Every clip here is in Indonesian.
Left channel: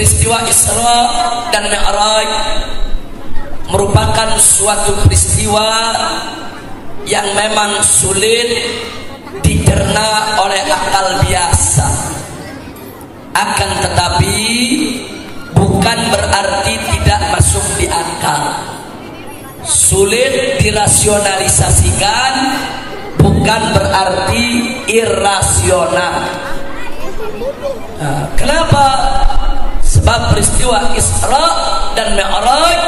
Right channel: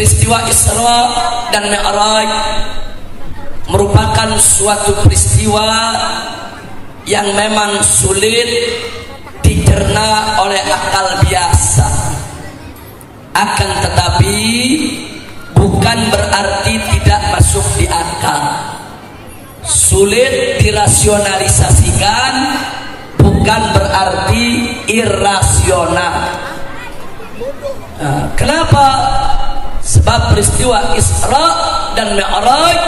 peristiwa Isra dan Mi'raj merupakan suatu peristiwa yang memang sulit dicerna oleh akal biasa. Akan tetapi bukan berarti tidak masuk di akal. Sulit dirasionalisasikan bukan berarti irasional. Nah, kenapa? Sebab peristiwa Isra dan Mi'raj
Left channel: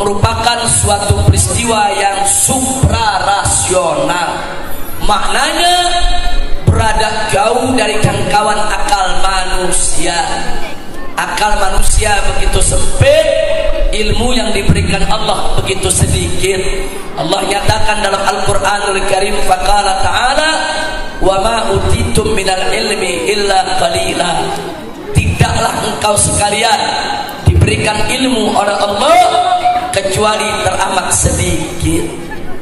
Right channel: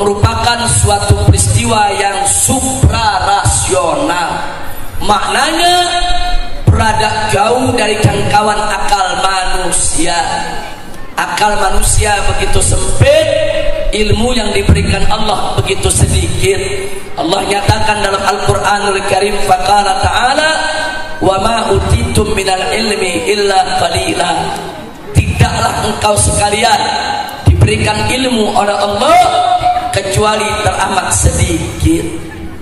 merupakan suatu peristiwa yang suprarasional. Maknanya berada jauh dari jangkauan akal manusia. Akal manusia begitu sempit, ilmu yang diberikan Allah begitu sedikit. Allah nyatakan dalam Al-Qur'anul Karim, faqala ta'ala wa ma utitum minal ilmi illa qalila. Tidaklah engkau sekalian diberikan ilmu oleh Allah kecuali teramat sedikit.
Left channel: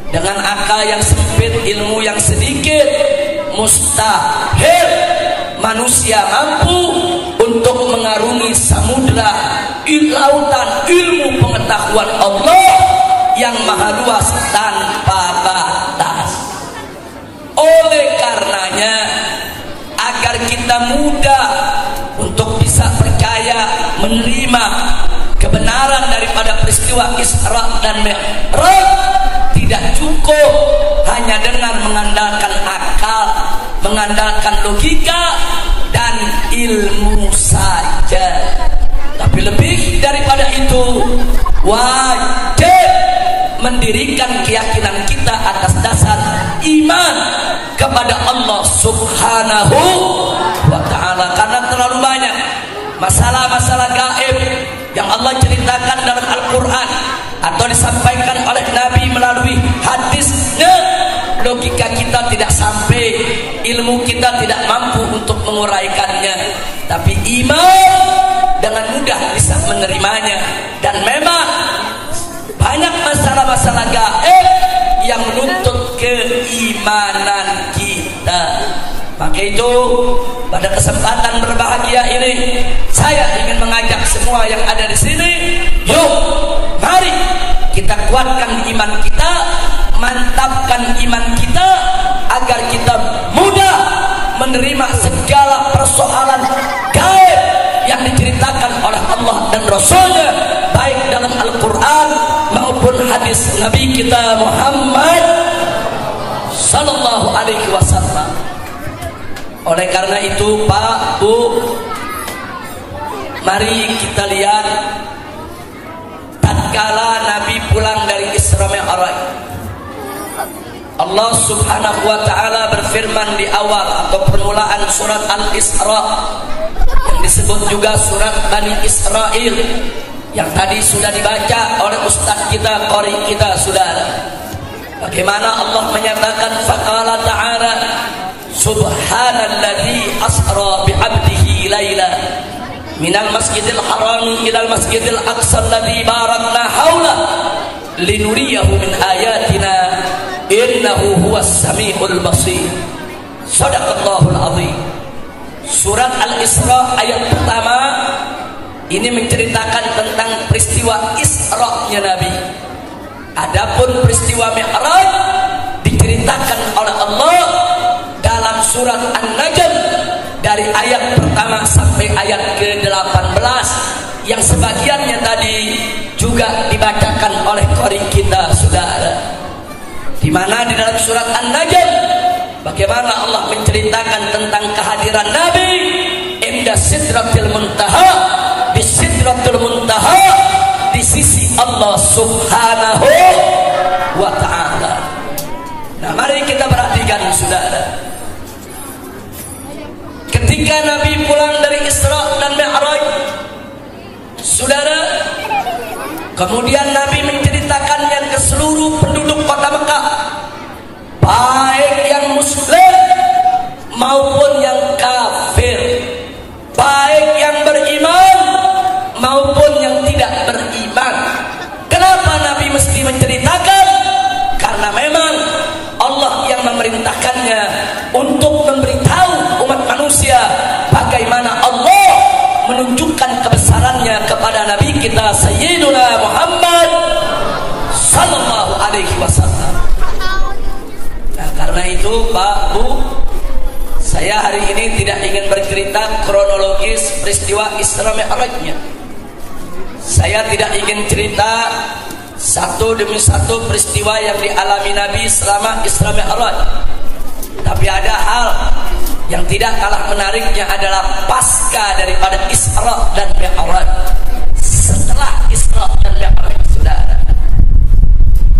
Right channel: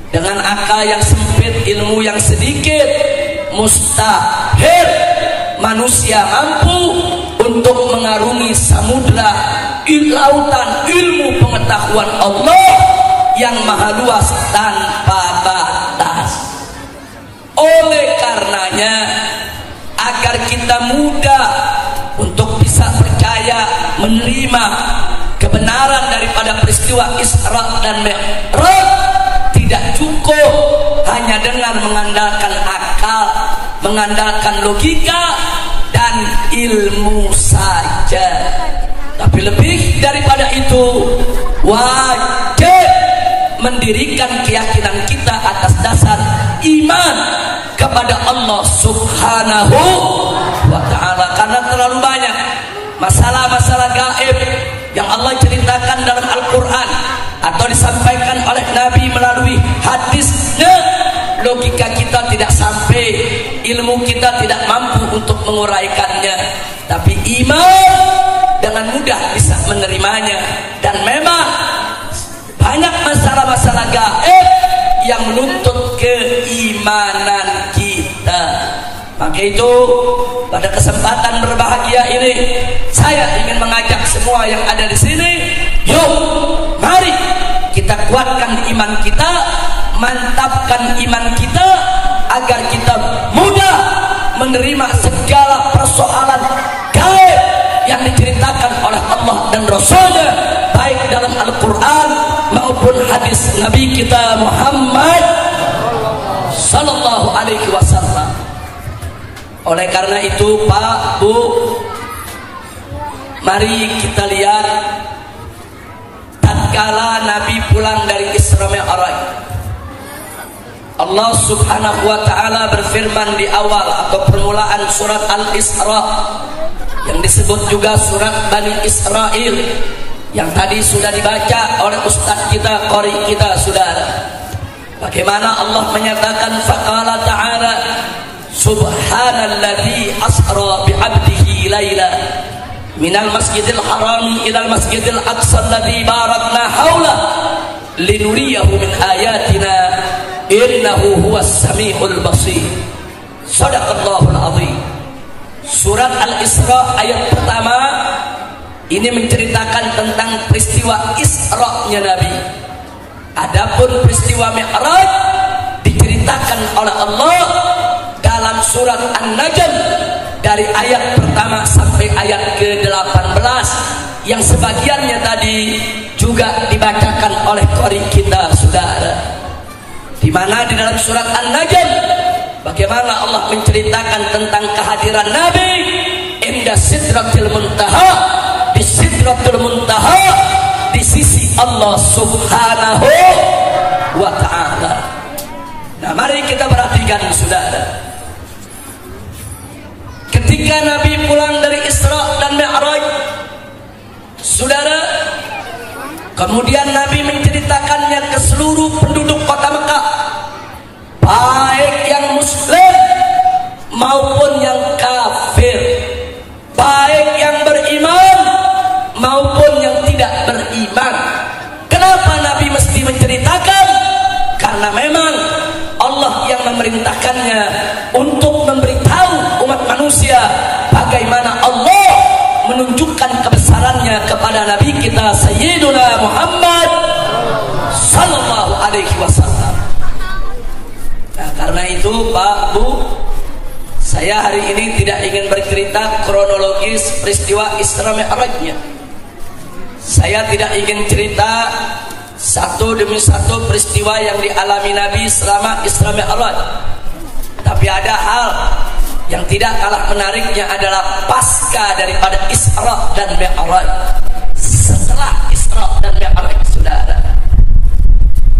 Dengan akal yang sempit, ilmu yang sedikit, mustahil manusia mampu untuk mengarungi samudra lautan ilmu pengetahuan Allah yang maha luas tanpa batas. Oleh karenanya, agar kita mudah untuk bisa percaya menerima kebenaran daripada peristiwa Isra dan Mi'raj, tidak cukup hanya dengan mengandalkan akal, mengandalkan logika dan ilmu saja. Tapi lebih daripada itu, wajib mendirikan keyakinan kita atas dasar iman kepada Allah Subhanahu wa ta'ala. Karena terlalu banyak masalah-masalah gaib yang Allah ceritakan dalam Al-Quran atau disampaikan oleh Nabi melalui hadisnya, logika kita tidak sampai, ilmu kita tidak mampu untuk menguraikannya. Tapi iman dengan mudah bisa menerimanya. Dan memang banyak masalah-masalah gaib yang menuntut keimanan kita. Maka itu pada kesempatan berbahagia ini, saya ingin mengajak semua yang ada di sini, yuk mari kita kuatkan iman kita, mantapkan iman kita, agar kita mudah menerima segala persoalan gaib yang diceritakan oleh Allah dan Rasulnya, baik dalam Al-Quran maupun hadis Nabi kita Muhammad Sallallahu Alaihi Wasallam. Oleh karena itu, Pak, Bu, mari kita lihat tatkala Nabi pulang dari Isra Mi'raj, Allah Subhanahu wa ta'ala berfirman di awal atau permulaan surat Al-Isra, yang disebut juga surat Bani Israel, yang tadi sudah dibaca oleh ustaz kita, qori kita, saudara. Bagaimana Allah menyatakan, faqala ta'ala subhanalladzi asra bi'abdihi laila minal masjidil harami ilal masjidil aqsa alladzi barakna haula linuriyahu min ayatina innahu huwas samiul basir. Shadaqallahul azim. Surat Al-Isra ayat pertama ini menceritakan tentang peristiwa Isra-nya Nabi. Adapun peristiwa Mi'raj diceritakan oleh Allah dalam surat An-Najm dari ayat pertama sampai ayat ke-18, yang sebagiannya tadi juga dibacakan oleh qori kita, saudara. Di mana di dalam surat An-Najm bagaimana Allah menceritakan tentang kehadiran Nabi inda sidratil muntaha, di sidratul muntaha, di sisi Allah Subhanahu wa ta'ala. Nah, mari kita perhatikan, saudara. Ketika Nabi pulang dari Isra dan Mi'raj, saudara, kemudian Nabi menceritakannya ke seluruh penduduk kota Mekah, baik yang muslim maupun yang kafir, baik yang beriman maupun yang tidak beriman. Kenapa Nabi mesti menceritakan? Karena memang Allah yang memerintahkannya untuk memberitahu umat manusia bagaimana Allah menunjukkan kepada Alaihi Wasallam. Nah, karena itu Pak Bu, saya hari ini tidak ingin bercerita kronologis peristiwa Isra Mi'rajnya. Saya tidak ingin cerita satu demi satu peristiwa yang dialami Nabi selama Isra Mi'raj. Tapi ada hal yang tidak kalah menariknya adalah pasca daripada Isra dan Mi'raj. Setelah Isra dan Mi'raj, saudara,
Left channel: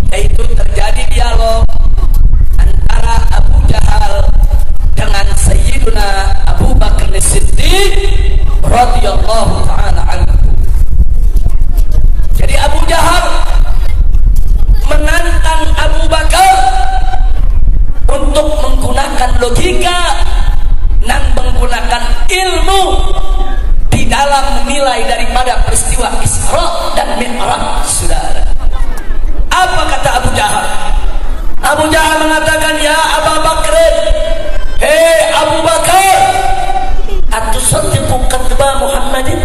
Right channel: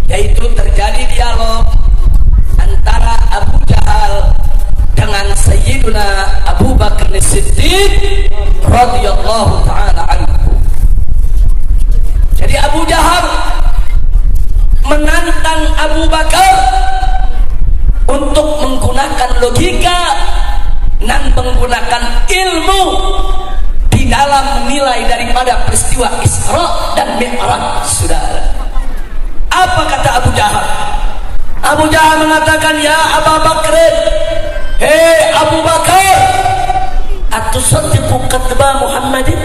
yaitu terjadi dialog antara Abu Jahal dengan Sayyiduna Abu Bakar As-Siddiq radhiyallahu ta'ala anhu. Jadi Abu Jahal menantang Abu Bakar untuk menggunakan logika dan menggunakan ilmu di dalam menilai daripada peristiwa Isra dan Mi'raj, saudara. Apa kata Abu Jahal? Abu Jahal mengatakan, ya Abu Bakar, hei Abu Bakar, atusaddiqu kadba Muhammadin?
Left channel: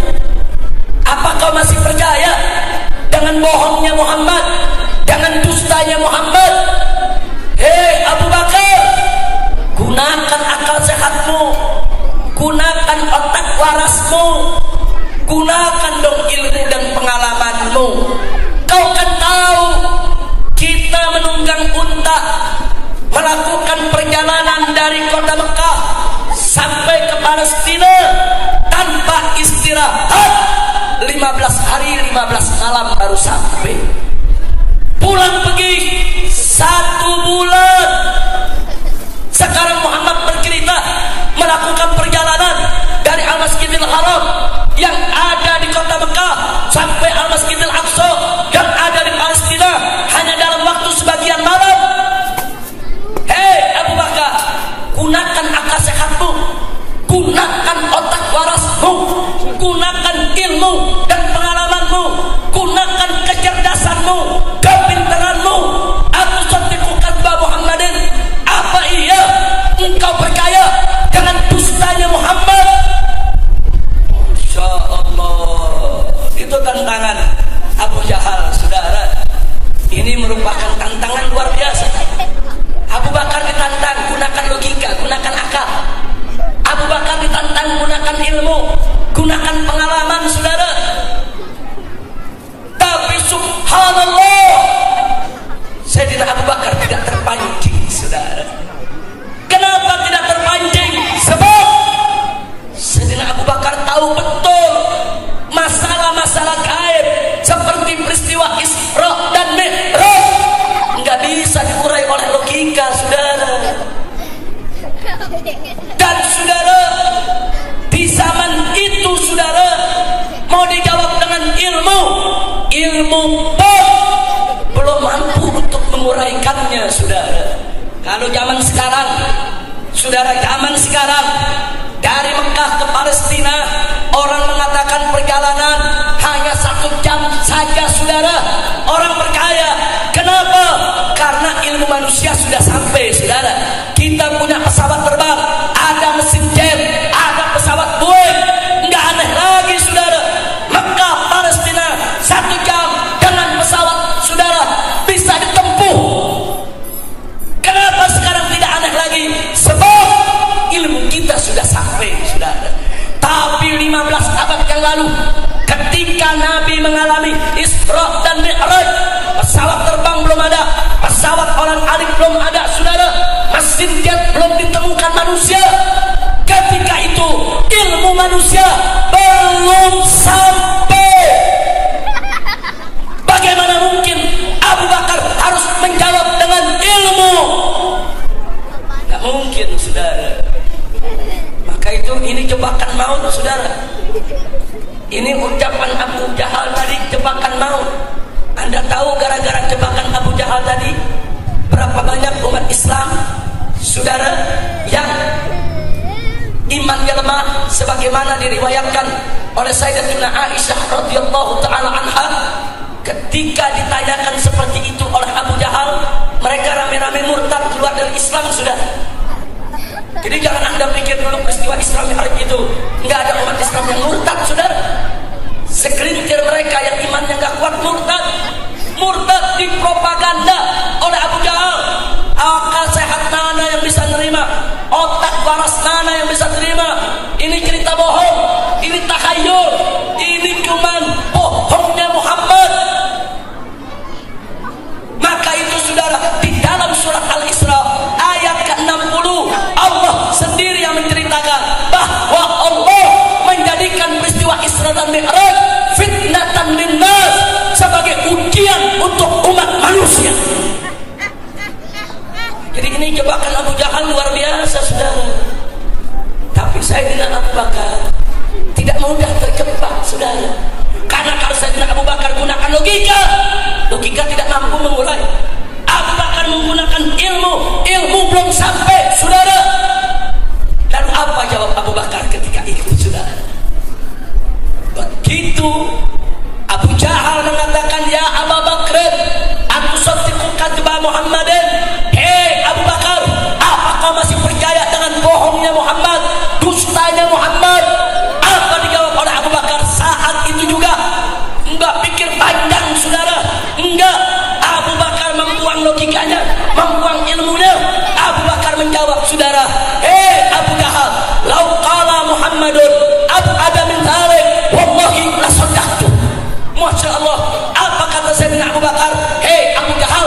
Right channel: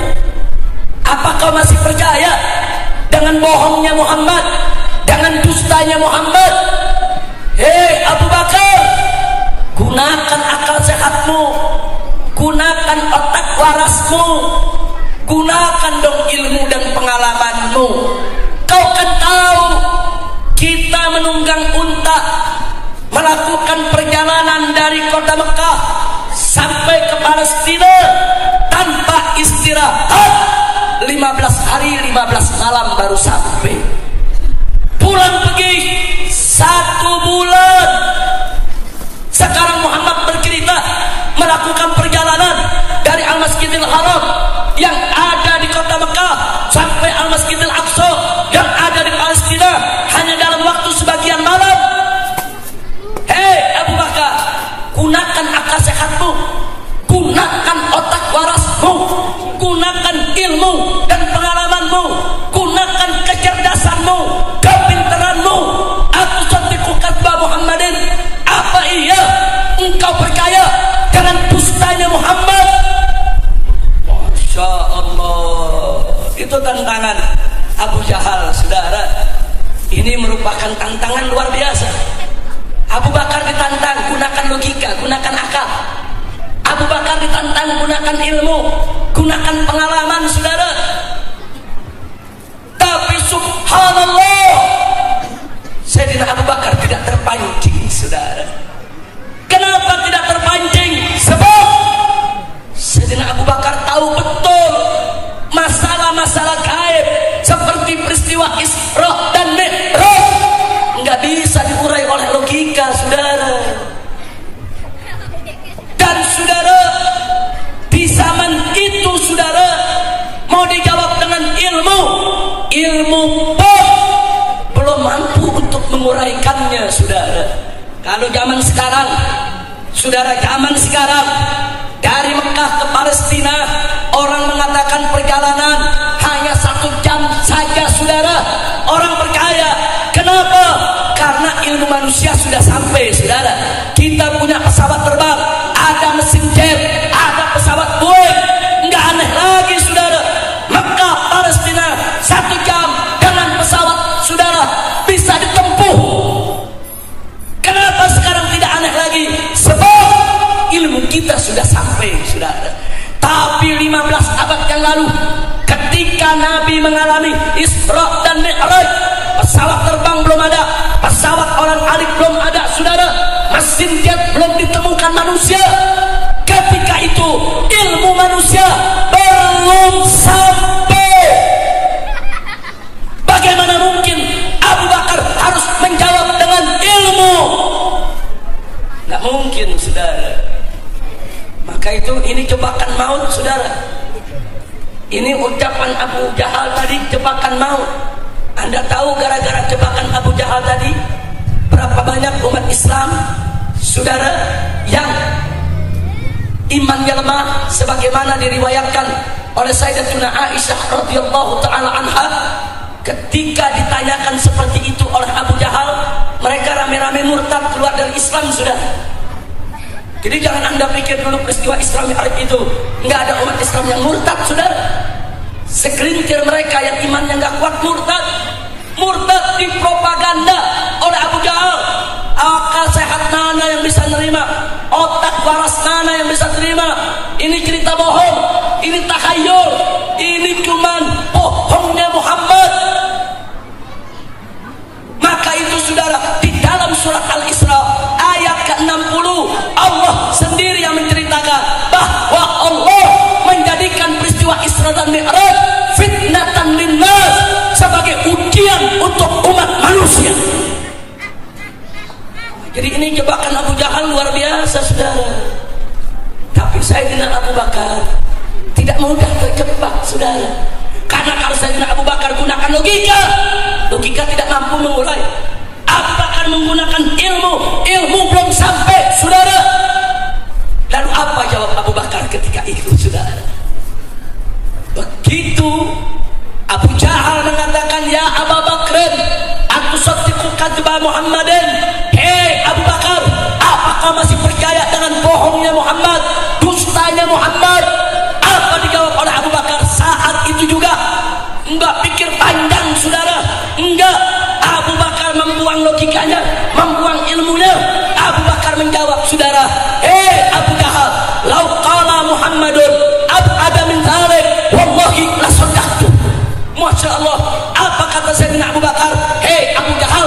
Apa kau masih percaya dengan bohongnya Muhammad, dengan dustanya Muhammad? Hei Abu Bakar, gunakan akal sehatmu, gunakan otak warasmu, gunakan dong ilmu dan pengalamanmu. Kau kan tahu kita menunggang unta melakukan perjalanan dari kota Mekah sampai ke Palestina tanpa istirahat, 15 hari 15 malam baru sampai. Pulang pergi 1 bulan. Sekarang Muhammad bercerita melakukan perjalanan dari Al-Masjidil Haram yang ada di kota Mekah sampai Al-Masjidil Aqsa yang ada di Palestina hanya dalam waktu sebagian malam. Hei Abu Bakar, gunakan akal sehatmu, gunakan otak warasmu, gunakan ilmu dan pengalamanmu, gunakan kecerdasanmu, kepintaranmu. Atusaddiqu kadba Muhammadin? Apa iya engkau percaya dengan dustanya Muhammad? Masya Allah, itu tantangan Abu Jahal, saudara. Ini merupakan tantangan luar biasa. Abu Bakar ditantang, gunakan logika, gunakan akal. Abu Bakar ditantang, gunakan ilmu, gunakan pengalaman, saudara. Tapi subhanallah, Sayyidina Abu Bakar tidak terpancing, saudara. Kenapa tidak terpancing? Sebab Sayyidina Abu Bakar tahu betul masalah-masalah gaib seperti peristiwa Isra dan Mi'raj nggak bisa diurai oleh logika, saudara. Dan saudara, di zaman itu, saudara, mau dijawab dengan ilmu pun belum mampu untuk menguraikannya, saudara. Kalau zaman sekarang, saudara, zaman sekarang dari Mekah ke Palestina orang mengatakan perjalanan hanya 1 jam saja, saudara. Orang percaya. Kenapa? Karena ilmu manusia sudah sampai, saudara. Kita punya pesawat terbang, ada mesin jet, ada pesawat Boeing. Nggak aneh lagi, saudara. Mekah Palestina 1 jam dengan pesawat, saudara, bisa ditempuh. Kenapa sekarang tidak aneh lagi? Sebab ilmu kita sudah sampai, saudara. Tapi 15 abad yang lalu, ketika Nabi mengalami Isra dan Mi'raj, pesawat terbang belum ada, pesawat orang-alik belum ada, saudara. Mesin jet belum ditemukan manusia. Ketika itu ilmu manusia belum sampai. Bagaimana mungkin Abu Bakar harus menjawab dengan ilmu? Nggak mungkin, saudara. Maka itu ini jebakan maut, saudara. Ini ucapan Abu Jahal tadi, jebakan maut. Anda tahu gara-gara jebakan Abu Jahal tadi berapa banyak umat Islam, saudara, yang imannya lemah, sebagaimana diriwayatkan oleh Sayyidatuna Aisyah radhiyallahu taala anha. Ketika ditanyakan seperti itu oleh Abu Jahal, mereka rame-rame murtad keluar dari Islam, saudara. Jadi jangan Anda pikir dulu peristiwa Isra Mi'raj itu nggak ada umat Islam yang murtad, saudara. Segelintir mereka yang imannya nggak kuat murtad di propaganda, kelas mana yang bisa terima? Ini cerita bohong, ini takhayul, ini cuman bohongnya Muhammad. Maka itu saudara, di dalam surat Al-Isra ayat ke-60 Allah sendiri yang menceritakan bahwa Allah menjadikan peristiwa Isra dan Mi'raj fitnatan linnas, sebagai ujian untuk umat manusia. Jadi ini jebakan Abu Jahal luar biasa saudara. Tapi Sayyidina Abu Bakar tidak mudah terjebak saudara. Karena kalau Sayyidina Abu Bakar gunakan logika tidak mampu mengurai. Apa akan menggunakan ilmu? Ilmu belum sampai saudara. Lalu apa jawab Abu Bakar ketika itu saudara? Begitu Abu Jahal mengatakan, ya Abu Bakr, aku sadiqu kadba Muhammadin. Hei Abu Bakar, apakah masih percaya dengan bohongnya Muhammad, dustanya Muhammad? Apa dijawab oleh Abu Bakar saat itu juga? Enggak pikir panjang saudara, enggak. Abu Bakar membuang logikanya, membuang ilmunya. Abu Bakar menjawab saudara, hei Abu Jahal, lau qala Muhammadun ab'ada min dzalik wallahi la saddaqtu. Masya Allah, apa kata Sayyidina Abu Bakar? Hei Abu Jahal,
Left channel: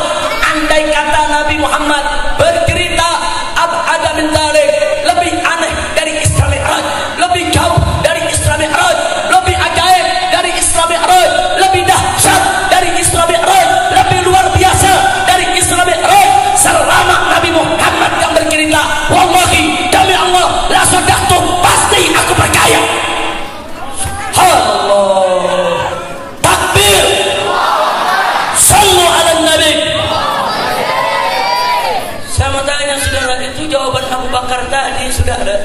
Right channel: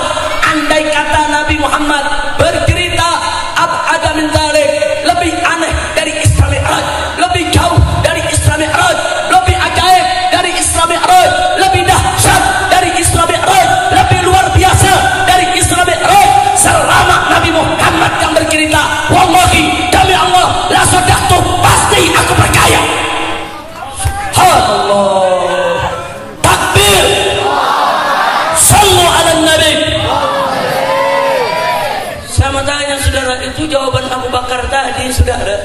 andai kata Nabi Muhammad bercerita ab'ada min dzalik, lebih aneh dari Isra Mi'raj, lebih jauh dari Isra Mi'raj, lebih ajaib dari Isra Mi'raj, lebih dahsyat dari Isra Mi'raj, lebih luar biasa dari Isra Mi'raj, selama Nabi Muhammad yang bercerita, wallahi demi Allah la saddaqtu, pasti aku percaya. Allah. Jawaban Abu Bakar tadi saudara,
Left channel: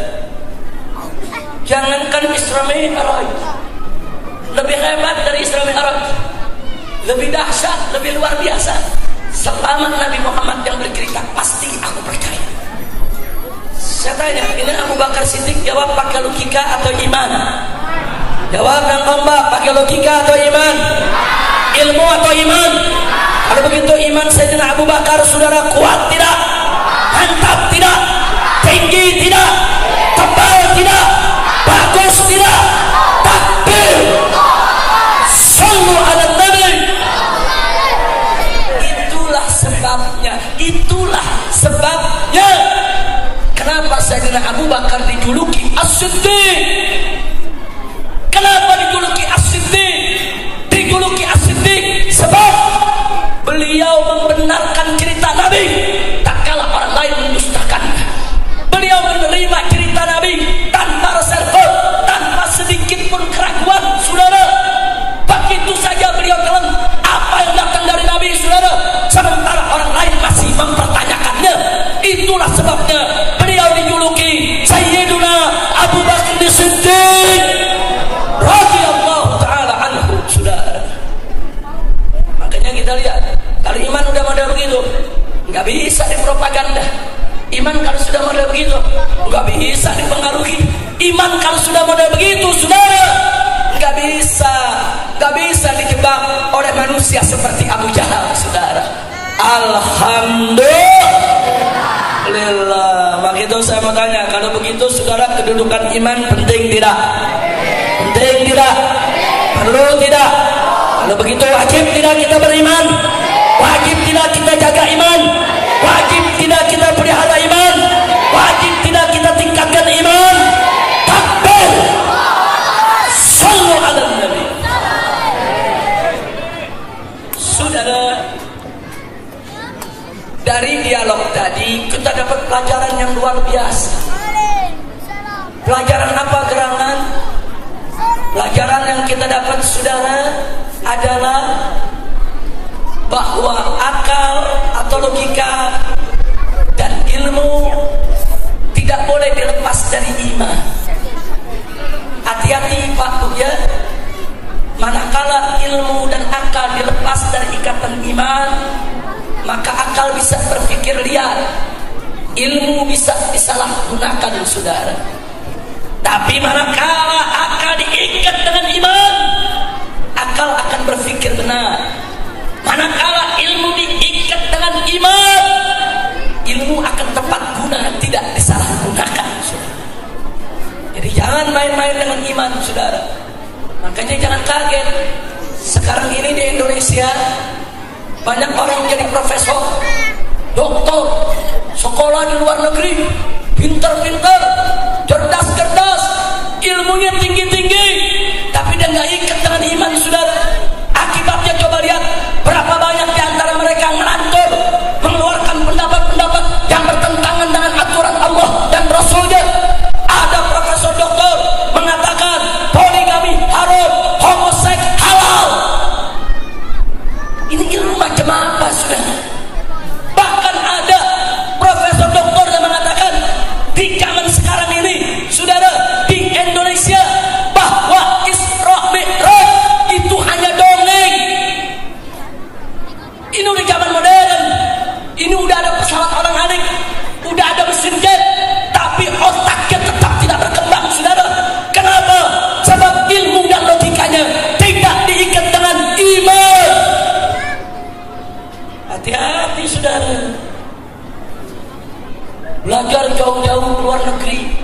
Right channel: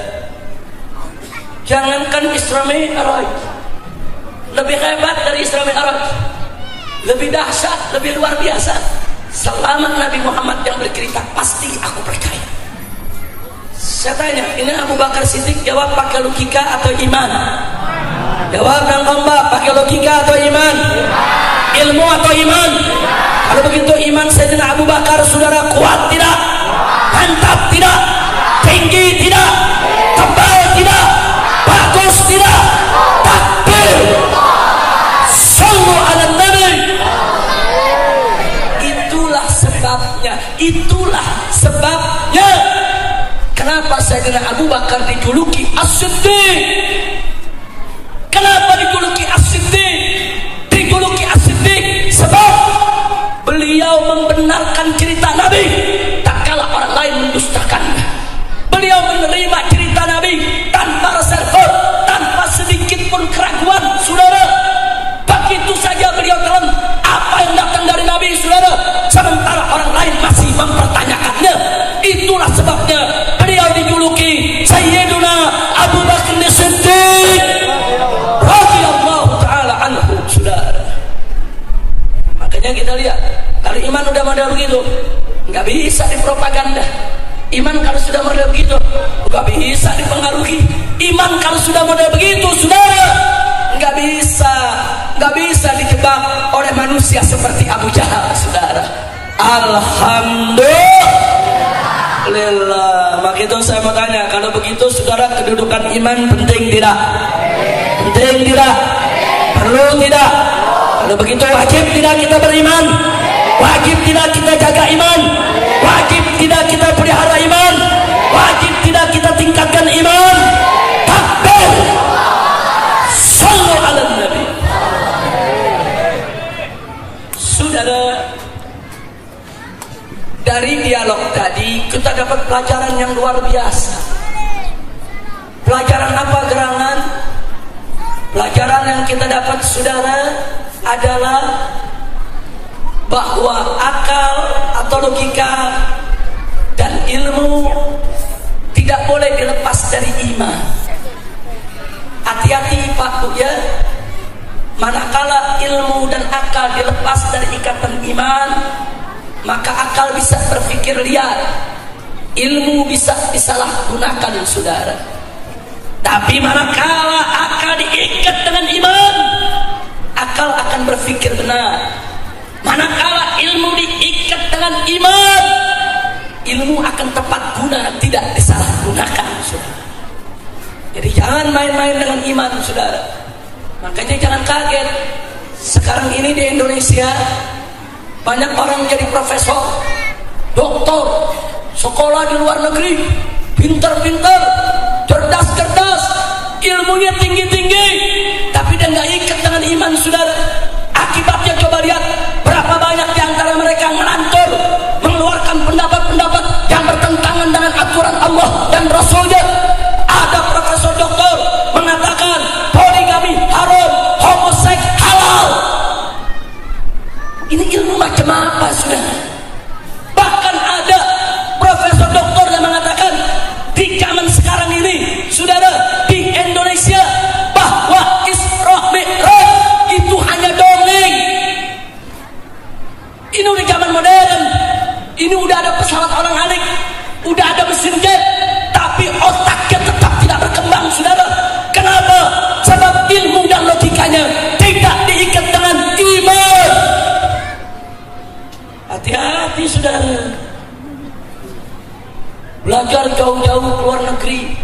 jangankan Isra Mi'raj, lebih hebat dari Isra Mi'raj, lebih dahsyat, lebih luar biasa, selama Nabi Muhammad yang bercerita, pasti aku percaya. Saya tanya, ini Abu Bakar Siddiq jawab pakai logika atau iman? Jawab dan kompak, pakai logika atau iman? Ilmu atau iman? Kalau begitu iman Sayyidina Abu Bakar saudara kuat tidak? Mantap tidak? Tinggi tidak? Tebal tidak? Bagus tidak? Takbir! Sallu ala Nabi! Itulah sebabnya, itulah sebabnya kenapa Sayyidina Abu Bakar dijuluki As-Siddiq. Kenapa dijuluki As-Siddiq? Dijuluki As-Siddiq sebab beliau membenarkan cerita Nabi tak kala orang lain mendustakannya. Beliau menerima cerita Nabi tanpa reserve, tanpa sedikit pun keraguan saudara. Begitu saja beliau telan apa yang datang dari Nabi saudara, sementara orang lain masih mempertanyakannya. Itulah sebabnya beliau dijuluki Sayyiduna Abu Bakar As-Siddiq radhiyallahu taala anhu saudara. Makanya kita lihat, kalau iman udah model begitu, nggak bisa dipropaganda. Iman kalau sudah model begitu, nggak bisa dipengaruhi. Iman kalau sudah model begitu, saudara, nggak bisa dijebak oleh manusia seperti Abu Jahal, saudara. Alhamdulillah. Maka itu saya mau tanya, kalau begitu, saudara, kedudukan iman penting tidak? Penting tidak? Perlu tidak? Kalau begitu wajib tidak kita beriman? Wajib tidak kita jaga iman? Wajib tidak kita pelihara iman? Wajib tidak kita tingkatkan iman? Takbir! Sallu ala Nabi. Saudara, dari dialog tadi kita dapat pelajaran yang luar biasa. Pelajaran apa gerangan? Pelajaran yang kita dapat saudara adalah bahwa akal atau logika dan ilmu tidak boleh dilepas dari iman. Hati-hati Pak Bu ya, manakala ilmu dan akal dilepas dari ikatan iman, maka akal bisa berpikir liar, ilmu bisa disalahgunakan saudara. Tapi manakala akal diikat dengan iman, akal akan berpikir benar. Manakala ilmu diikat dengan iman, ilmu akan tepat guna, tidak disalahgunakan. main-main dengan iman, saudara. Makanya jangan kaget. Sekarang ini di Indonesia banyak orang jadi profesor, doktor, sekolah di luar negeri, pintar-pintar, cerdas-cerdas, ilmunya tinggi-tinggi, tapi dia nggak ikat dengan iman, saudara. Akibatnya coba lihat berapa banyak di antara mereka ngelantur, mengeluarkan pendapat-pendapat yang bertentangan dengan aturan Allah dan Rasulnya. Ada profesor doktor mengatakan poligami haram, homoseks halal. Ini ilmu macam apa, saudara? Bahkan ada profesor doktor yang mengatakan di zaman sekarang ini, saudara, di Indonesia, bahwa Isra Mi'raj itu hanya dongeng. Ini udah zaman modern. Ini udah ada pesawat orang-adik, udah ada mesin jet, tapi otaknya tetap tidak berkembang, saudara. Kenapa? Sebab ilmu dan logikanya tidak diikat dengan iman. Hati-hati, saudara. Belajar jauh-jauh ke luar negeri,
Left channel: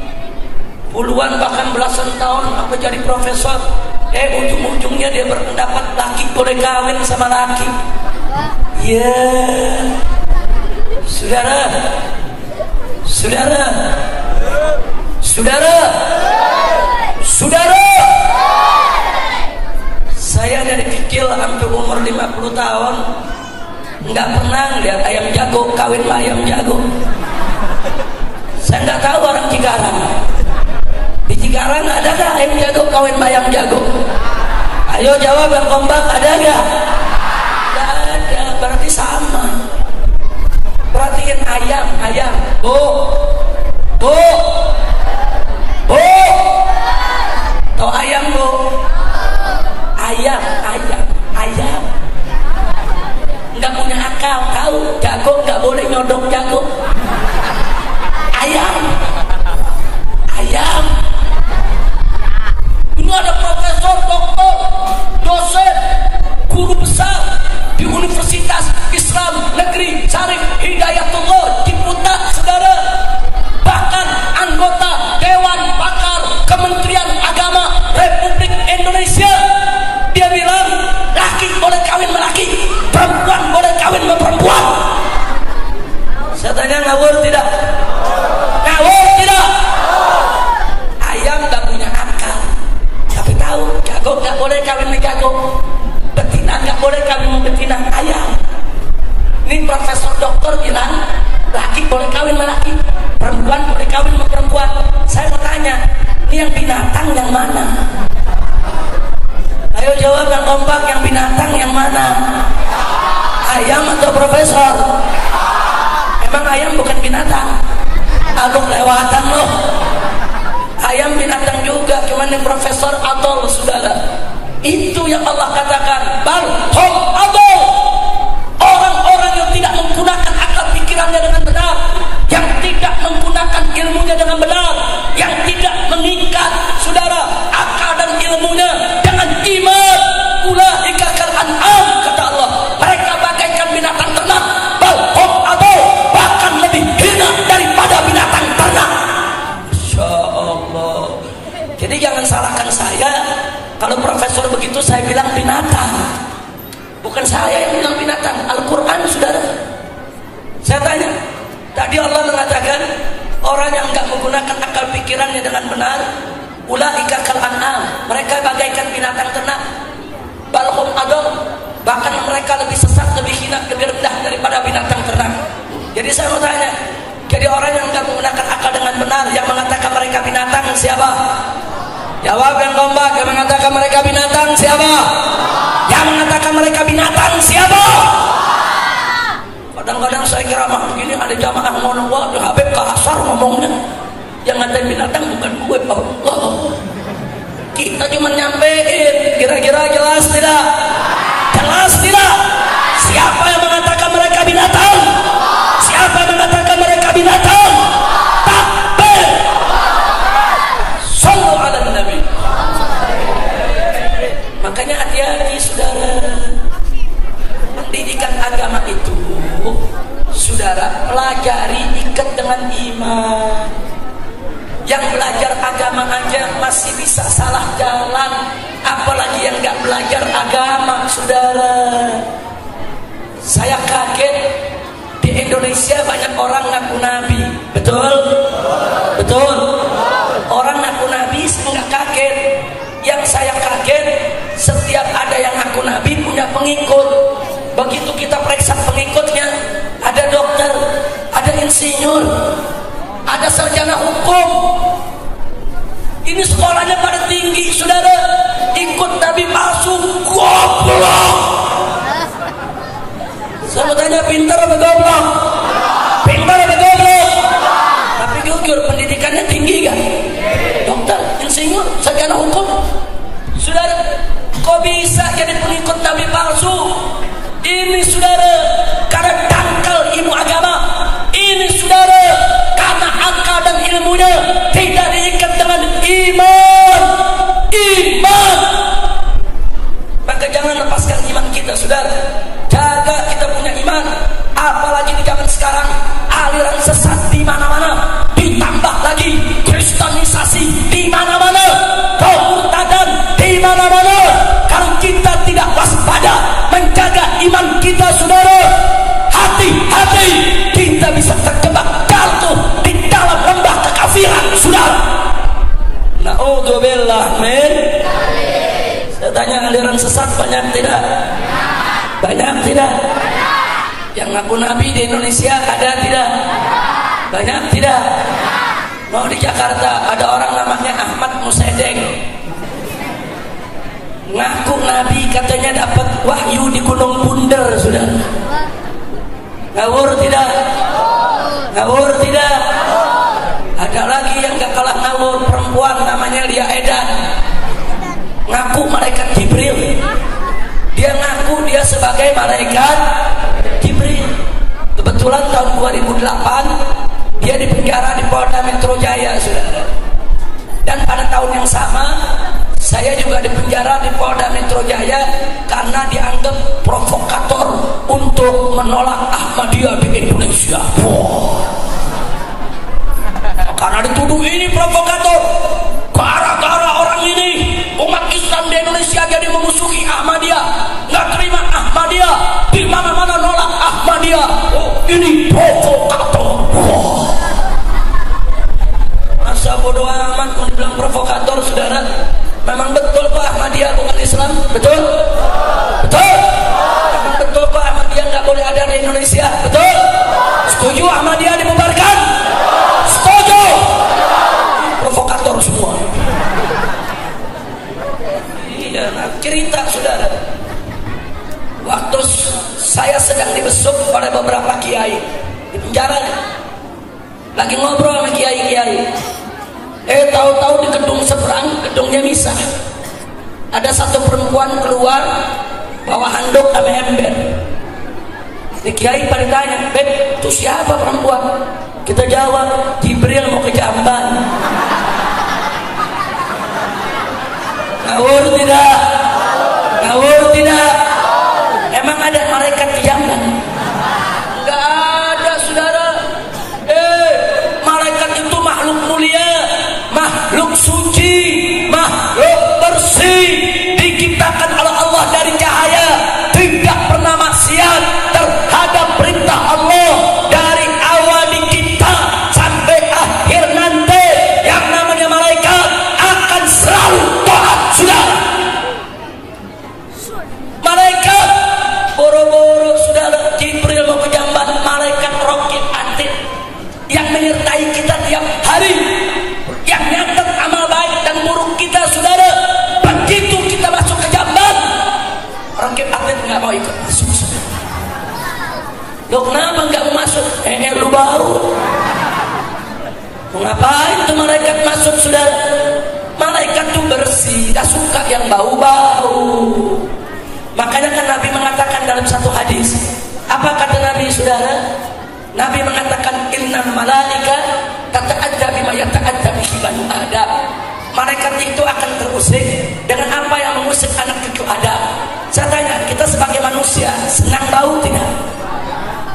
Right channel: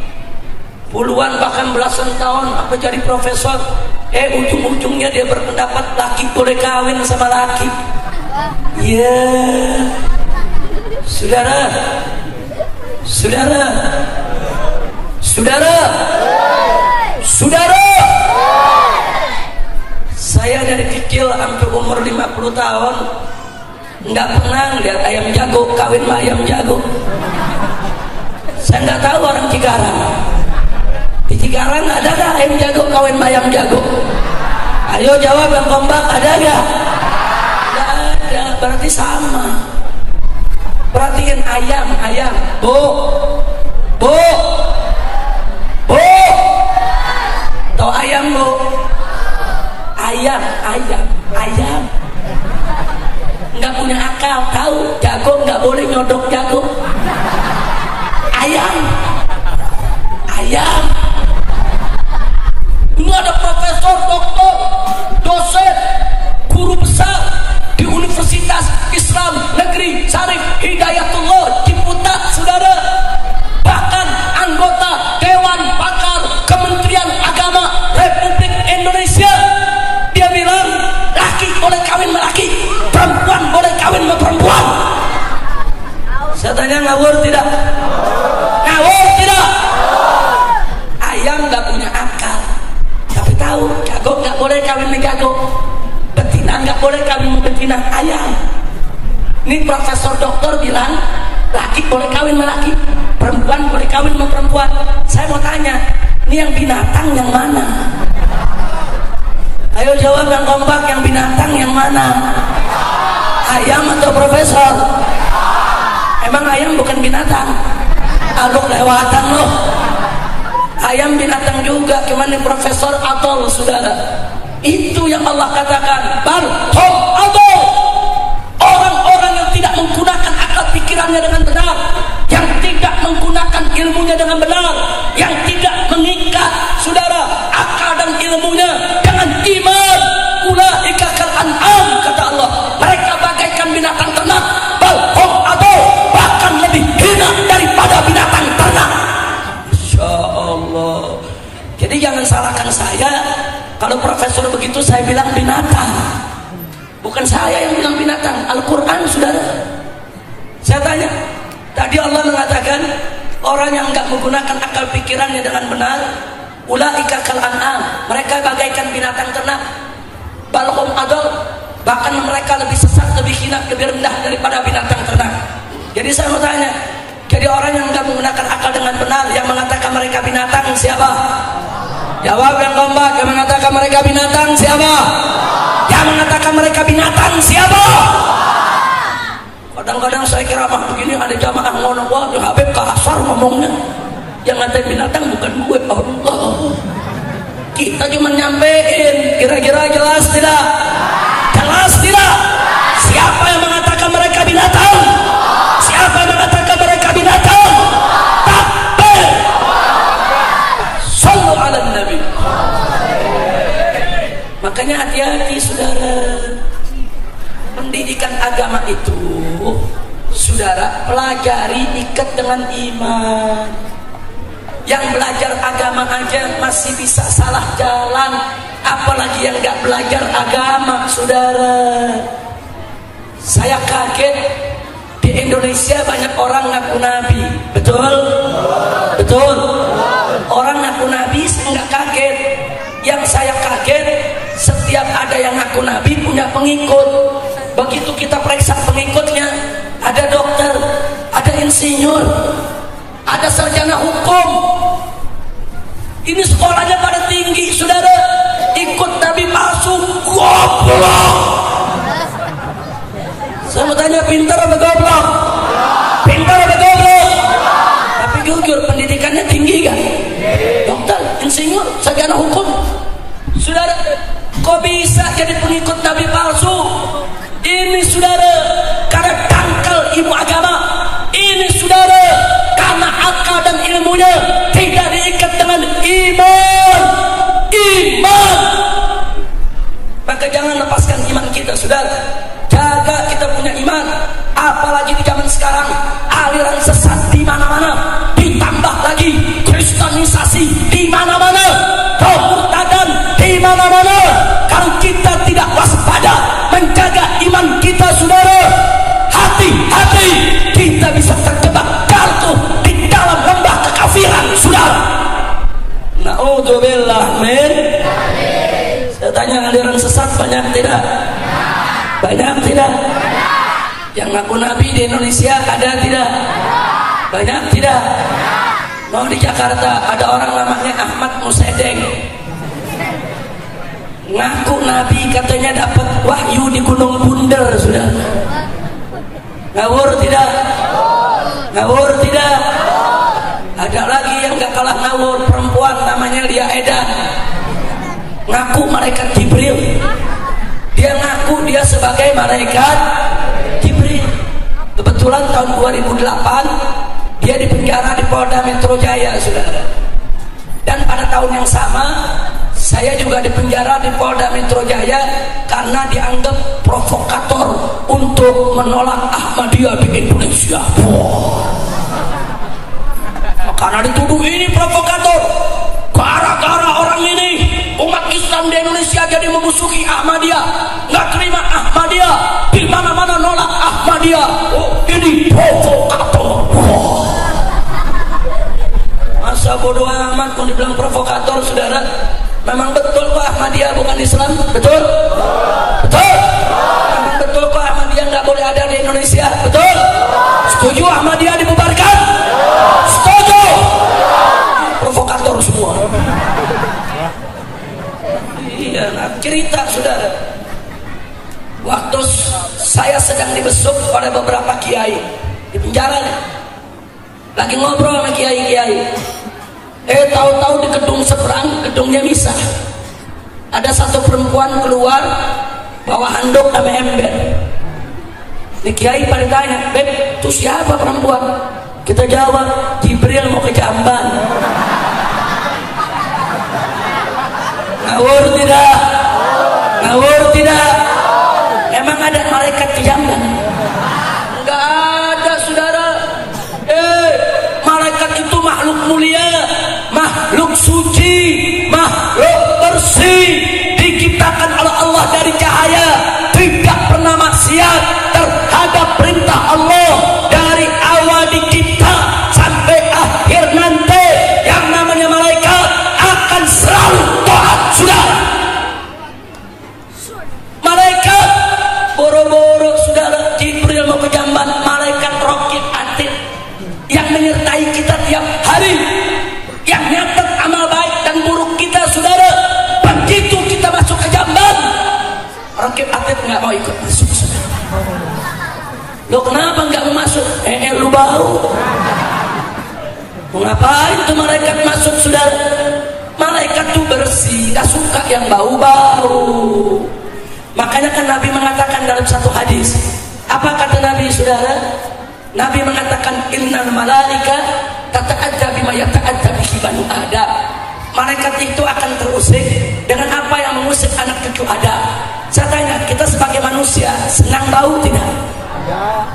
puluhan bahkan belasan tahun apa jadi profesor, ujung-ujungnya dia berpendapat laki boleh kawin sama laki. Ya, saudara, saudara, saudara, saudara. Saya dari kecil sampai umur 50 tahun nggak pernah lihat ayam jago kawin sama ayam jago. Saya nggak tahu orang Cikarang. Di Cikarang ada nggak ayam jago kawin sama ayam jago? Ayo jawab yang kompak, ada nggak? Nggak ada, berarti sama. Perhatiin ayam, ayam, bu, bu, bu. Tahu ayam bu? Ayam, ayam, ayam. Nggak punya akal, tahu? Jago nggak boleh nyodok jago. Ayam, ayam. Ini ada profesor, doktor, dosen, guru besar di Universitas Islam Negeri Syarif Hidayatullah Ciputat, saudara. Bahkan anggota Dewan Pakar Kementerian Agama Republik Indonesia. Dia bilang laki boleh kawin sama laki, perempuan boleh kawin sama perempuan. Saya tanya, ngawur tidak? Ngawur tidak? Ayam gak punya akal, tapi tahu jago gak boleh kawin sama jago, betina gak boleh kawin sama betina. Ayam. Ini profesor doktor bilang laki boleh kawin sama laki, perempuan boleh kawin sama perempuan. Saya mau tanya, ini yang binatang yang mana? Ayo jawab yang kompak, yang binatang yang mana? Ayam atau profesor? Emang ayam bukan binatang? Aduh, lewatan loh. Ayam binatang juga, cuman yang profesor atol, saudara. Itu yang Allah katakan, bal hum adol. Orang-orang yang tidak menggunakan akal pikirannya dengan benar, yang tidak menggunakan ilmunya dengan benar, yang tidak mengikat, saudara, akal dan ilmunya dengan iman. Ulaika kal an'am, kata Allah. Mereka bagaikan binatang ternak, bal hum adol, bahkan lebih hina daripada binatang ternak. Masya Allah. Jadi jangan salahkan saya kalau profesor begitu saya bilang binatang. Bukan saya yang bilang binatang, Al-Quran, saudara. Saya tanya, tadi Allah mengatakan orang yang enggak menggunakan akal pikirannya dengan benar, ulaika kal an'am, mereka bagaikan binatang ternak, bal hum adall, bahkan mereka lebih sesat, lebih hina, lebih rendah daripada binatang ternak. Jadi saya mau tanya, jadi orang yang enggak menggunakan akal dengan benar, yang mengatakan mereka binatang siapa? Jawab yang kompak, yang mengatakan mereka binatang siapa? Yang mengatakan mereka binatang siapa? Kadang-kadang saya kira mah begini ada jamaah ngomong, wah Habib kasar ngomongnya. Yang ngatain binatang bukan gue, Allah. Kita cuma nyampein, kira-kira jelas tidak? Jelas tidak? Siapa yang mengatakan mereka binatang? Siapa yang mengatakan mereka binatang? Takbir. Sallu ala Nabi. Makanya hati-hati, saudara. Pendidikan agama itu, saudara, pelajari ikat dengan iman. Yang belajar agama aja masih bisa salah jalan, apalagi yang gak belajar agama, saudara. Saya kaget, di Indonesia banyak orang ngaku nabi. Betul? Betul? Orang ngaku nabi saya gak kaget. Yang saya kaget, setiap ada yang ngaku nabi punya pengikut. Begitu kita periksa pengikutnya, ada dokter, ada insinyur, ada sarjana hukum. Ini sekolahnya pada tinggi, saudara. Ikut nabi palsu, goblok. Saya mau tanya, pintar apa goblok? Pintar apa goblok? Tapi jujur, pendidikannya tinggi kan? Dokter, insinyur, sarjana hukum. Saudara, kok bisa jadi pengikut nabi palsu? Ini saudara, karena dangkal ilmu agama. Ini saudara, karena akal dan ilmunya tidak diikat dengan iman. Iman. Maka jangan lepaskan iman kita, saudara. Jaga kita punya iman. Apalagi di zaman sekarang, aliran sesat di mana-mana. Ditambah lagi kristenisasi di mana-mana, kemurtadan di mana-mana. Kalau kita tidak waspada menjaga iman kita, saudara, hati-hati, kita bisa terjebak jatuh di dalam lembah kekafiran, saudara. Na'udzubillah min. Saya tanya, aliran sesat banyak tidak? Banyak tidak? Yang ngaku nabi di Indonesia ada tidak? Banyak tidak? Mau di Jakarta ada orang namanya Ahmad Musedeng, ngaku nabi, katanya dapat wahyu di Gunung Bunder, sudah. Ngawur tidak? Ngawur tidak? Ada lagi yang gak kalah ngawur, perempuan namanya Lia Edan, ngaku malaikat Jibril. Dia ngaku dia sebagai malaikat Jibril. Kebetulan tahun 2008 dia dipenjara di Polda Metro Jaya, saudara. Dan pada tahun yang sama saya juga dipenjara di Polda Metro Jaya karena dianggap provokator untuk menolak Ahmadiyah di Indonesia. Karena dituduh ini provokator, gara-gara orang ini umat Islam di Indonesia jadi memusuhi Ahmadiyah, nggak terima Ahmadiyah, di mana-mana nolak Ahmadiyah. Oh, ini provokator. Masa bodoh amat kalau dibilang provokator, saudara. Memang betul kok Ahmadiyah bukan Islam, betul? Betul? Memang betul kok Ahmadiyah nggak boleh ada di Indonesia, betul? Setuju Ahmadiyah dibubarkan? Setuju? Provokator semua. Iya, nah, cerita, saudara. Waktu saya sedang dibesuk oleh beberapa kiai di penjara, lagi ngobrol sama kiai-kiai. Tahu-tahu di gedung seberang, gedungnya misah. Ada satu perempuan keluar bawa handuk sama ember. Di kiai pada tanya, "Beb, itu siapa perempuan?" Kita jawab, "Jibril mau ke Jamban." Ngawur tidak? Ngawur tidak? Emang ada malaikat ke Jamban? Enggak ada, saudara. Malaikat itu makhluk mulia, makhluk suci, makhluk bersih, diciptakan oleh Allah dari cahaya, tidak pernah maksiat terhadap perintah Allah. Dari awal dicipta sampai akhir nanti, yang namanya malaikat akan selalu taat, saudara. Malaikat boro-boro, saudara, Jibril mau ke Jamban, malaikat Raqib Atid yang menyertai kita tiap hari, yang nyatet amal baik dan buruk kita, saudara. Begitu kita masuk ke Jamban, Raqib Atid nggak mau ikut masuk, saudara. Lo kenapa nggak mau masuk? Lu bau. Mau ngapain tuh malaikat masuk, saudara? Malaikat tuh bersih, gak suka yang bau-bau. Makanya kan Nabi mengatakan dalam satu hadis, apa kata Nabi, saudara? Nabi mengatakan, innal malaika tata'adda bima yata'adda bihi banu Adam. Malaikat itu akan terusik dengan apa yang mengusik anak cucu Adam. Saya tanya, kita sebagai manusia senang bau tidak?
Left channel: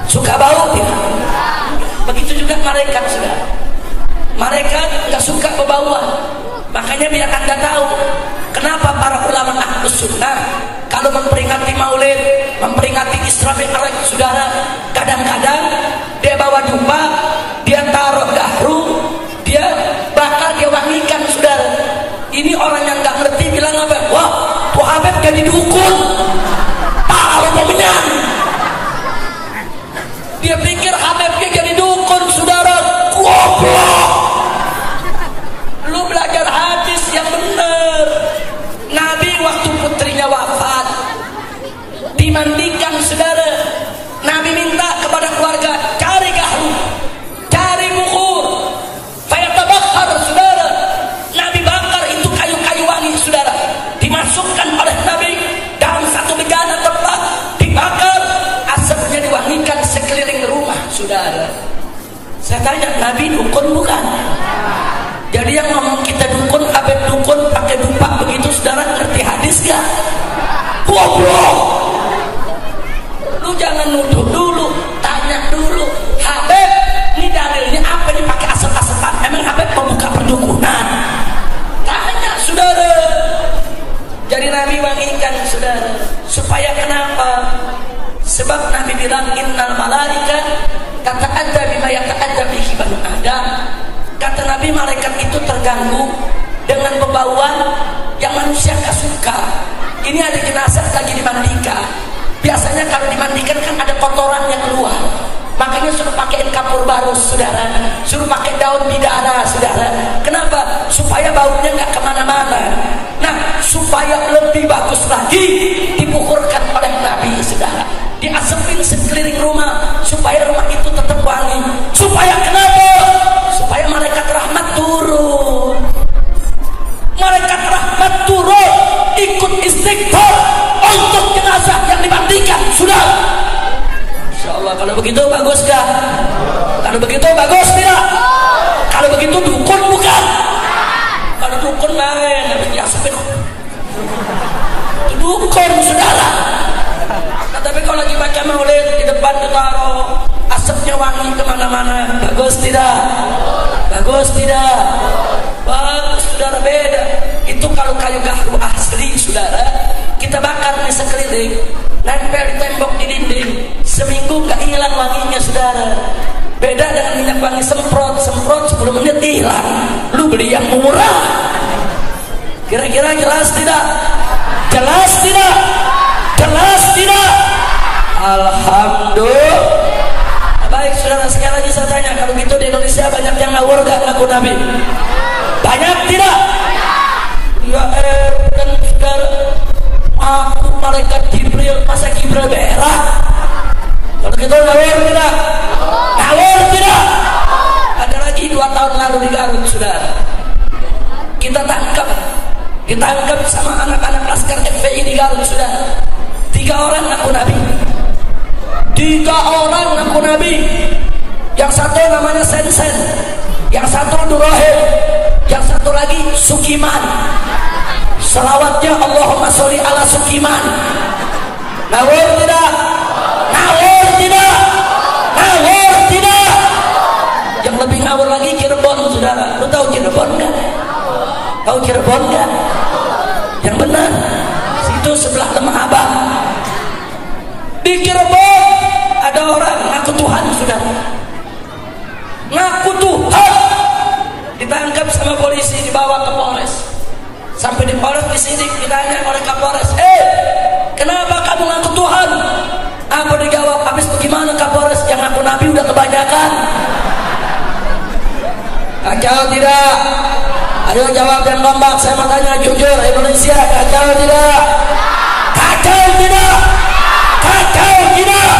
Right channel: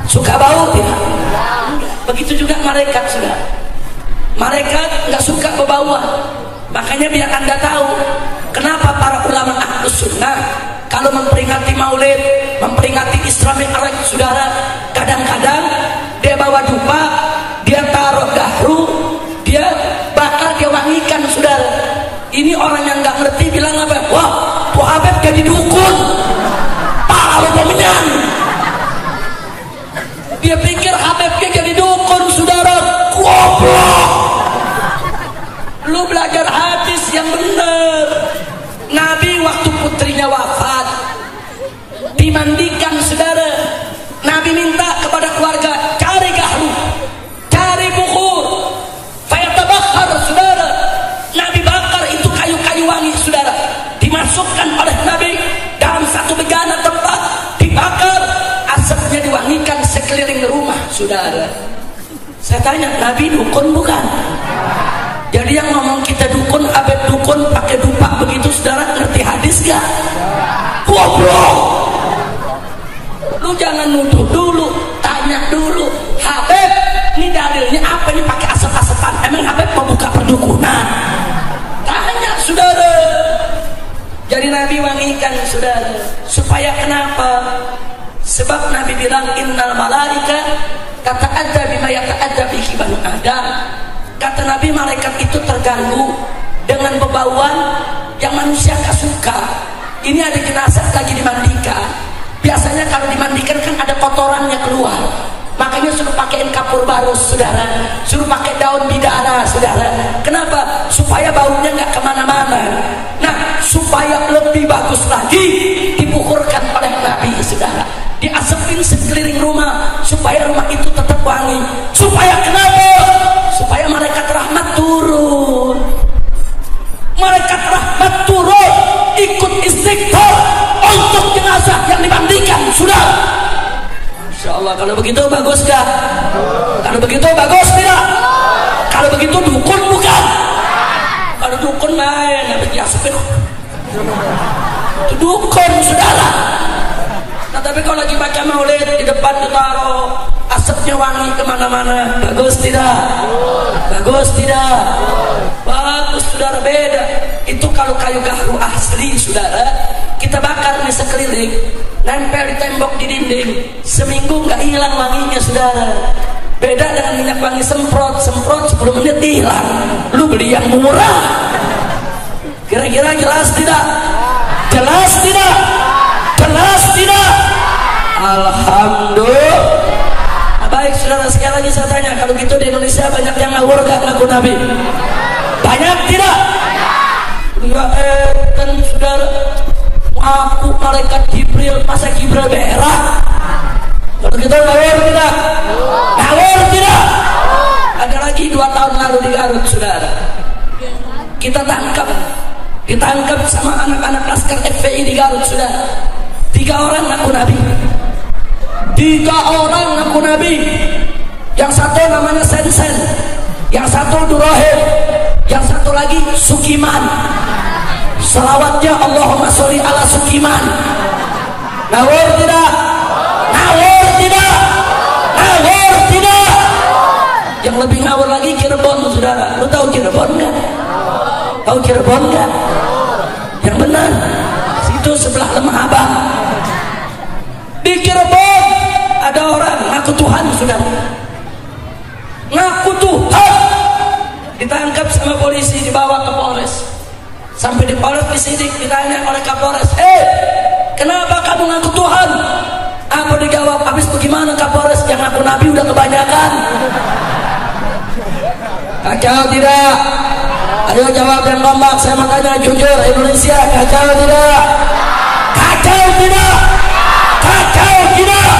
Suka bau tidak? Begitu juga malaikat, saudara. Mereka nggak suka bebauan. Makanya biar Anda tahu kenapa para ulama Ahlus Sunnah kalau memperingati Maulid, memperingati Isra Mi'raj, saudara, kadang-kadang dia bawa dupa, dia taruh gahru, dia bakar, dia wangikan, saudara. Ini orang yang nggak ngerti bilang apa? Wah, tuh Habib jadi dukun, tahu pemenang. Dia pikir Habibnya jadi dukun, saudara. Goblok. Lu belajar hadis yang benar. Nabi waktu putrinya wafat dimandikan, saudara. Nabi minta kepada keluarga, cari gahru, cari bukhur, fayatabakhar, saudara. Nabi bakar itu kayu-kayu wangi, saudara. Dimasukkan oleh Nabi dalam satu bejana tempat, dibakar, asapnya diwangikan sekeliling rumah, saudara. Saya tanya, Nabi dukun bukan? Jadi yang ngomong kita dukun, Habib dukun pakai dupa begitu, saudara, ngerti hadis gak? Goblok. Lu jangan nuduh dulu, tanya dulu. Habib, ini dalilnya apa nih pakai asap-asapan? Emang Habib mau buka perdukunan? Tanya, saudara. Jadi Nabi wangikan, saudara. Supaya kenapa? Sebab Nabi bilang innal malaika tata'adza bima yata'adza bihi banu Adam. Kata Nabi, malaikat itu terganggu dengan bebauan yang manusia gak suka. Ini ada jenazah lagi dimandikan. Biasanya kalau dimandikan kan ada kotorannya keluar. Makanya suruh pakaiin kapur baru, saudara. Suruh pakai daun bidara, saudara. Kenapa? Supaya baunya gak kemana-mana. Nah, supaya lebih bagus lagi, dibukurkan oleh Nabi, saudara. Diasepin sekeliling rumah supaya rumah itu tetap wangi. Supaya kenapa? Supaya malaikat rahmat turun. Malaikat rahmat turun ikut istighfar untuk jenazah yang dimandikan, sudah. Insyaallah. Kalau begitu bagus gak? Kalau begitu bagus tidak? Kalau begitu dukun bukan? Kalau dukun main habis diasepin itu dukun, saudara. Nah, tapi kalau lagi baca Maulid di depan ditaruh asapnya wangi kemana-mana, bagus tidak? Bagus tidak? Bagus, saudara. Beda itu kalau kayu gahru asli, saudara, kita bakar di sekeliling, nempel di tembok, di dinding, seminggu nggak hilang wanginya, saudara. Beda dengan minyak wangi semprot 10 menit hilang. Lu beli yang murah. Kira-kira jelas tidak? Jelas tidak? Jelas tidak? Alhamdulillah. Baik, saudara, sekali lagi saya tanya, kalau gitu di Indonesia banyak yang ngawur gak ngaku Nabi? Banyak tidak? Ya kan, saudara, aku malaikat Jibril, masa Jibril berak? Kalau gitu ngawur tidak? Ngawur tidak? Ada lagi 2 tahun lalu di Garut, saudara. Kita ditangkap sama anak-anak laskar FPI di Garut, saudara. 3 orang ngaku Nabi. 3 orang ngaku Nabi. Yang satu namanya Sensen, yang satu Durahim, yang satu lagi Sukiman. Selawatnya Allahumma sholli ala Sukiman. Ngawur tidak? Ngawur tidak? Ngawur tidak? Yang lebih ngawur lagi Cirebon, saudara. Lu tahu Cirebon nggak? Tahu Cirebon nggak? Yang benar, situ sebelah Lemah Abang. Di Cirebon ada orang ngaku Tuhan, saudara. Ngaku Tuhan, ditangkap sama polisi, dibawa ke Polres. Sampai di Polres disidik, ditanya oleh Kapolres, kenapa kamu ngaku Tuhan? Apa dijawab? Habis bagaimana Kapolres? Yang ngaku Nabi udah kebanyakan. Kacau tidak? Ayo jawab yang kompak. Saya mau tanya jujur, Indonesia kacau tidak? Kacau tidak? Kacau tidak?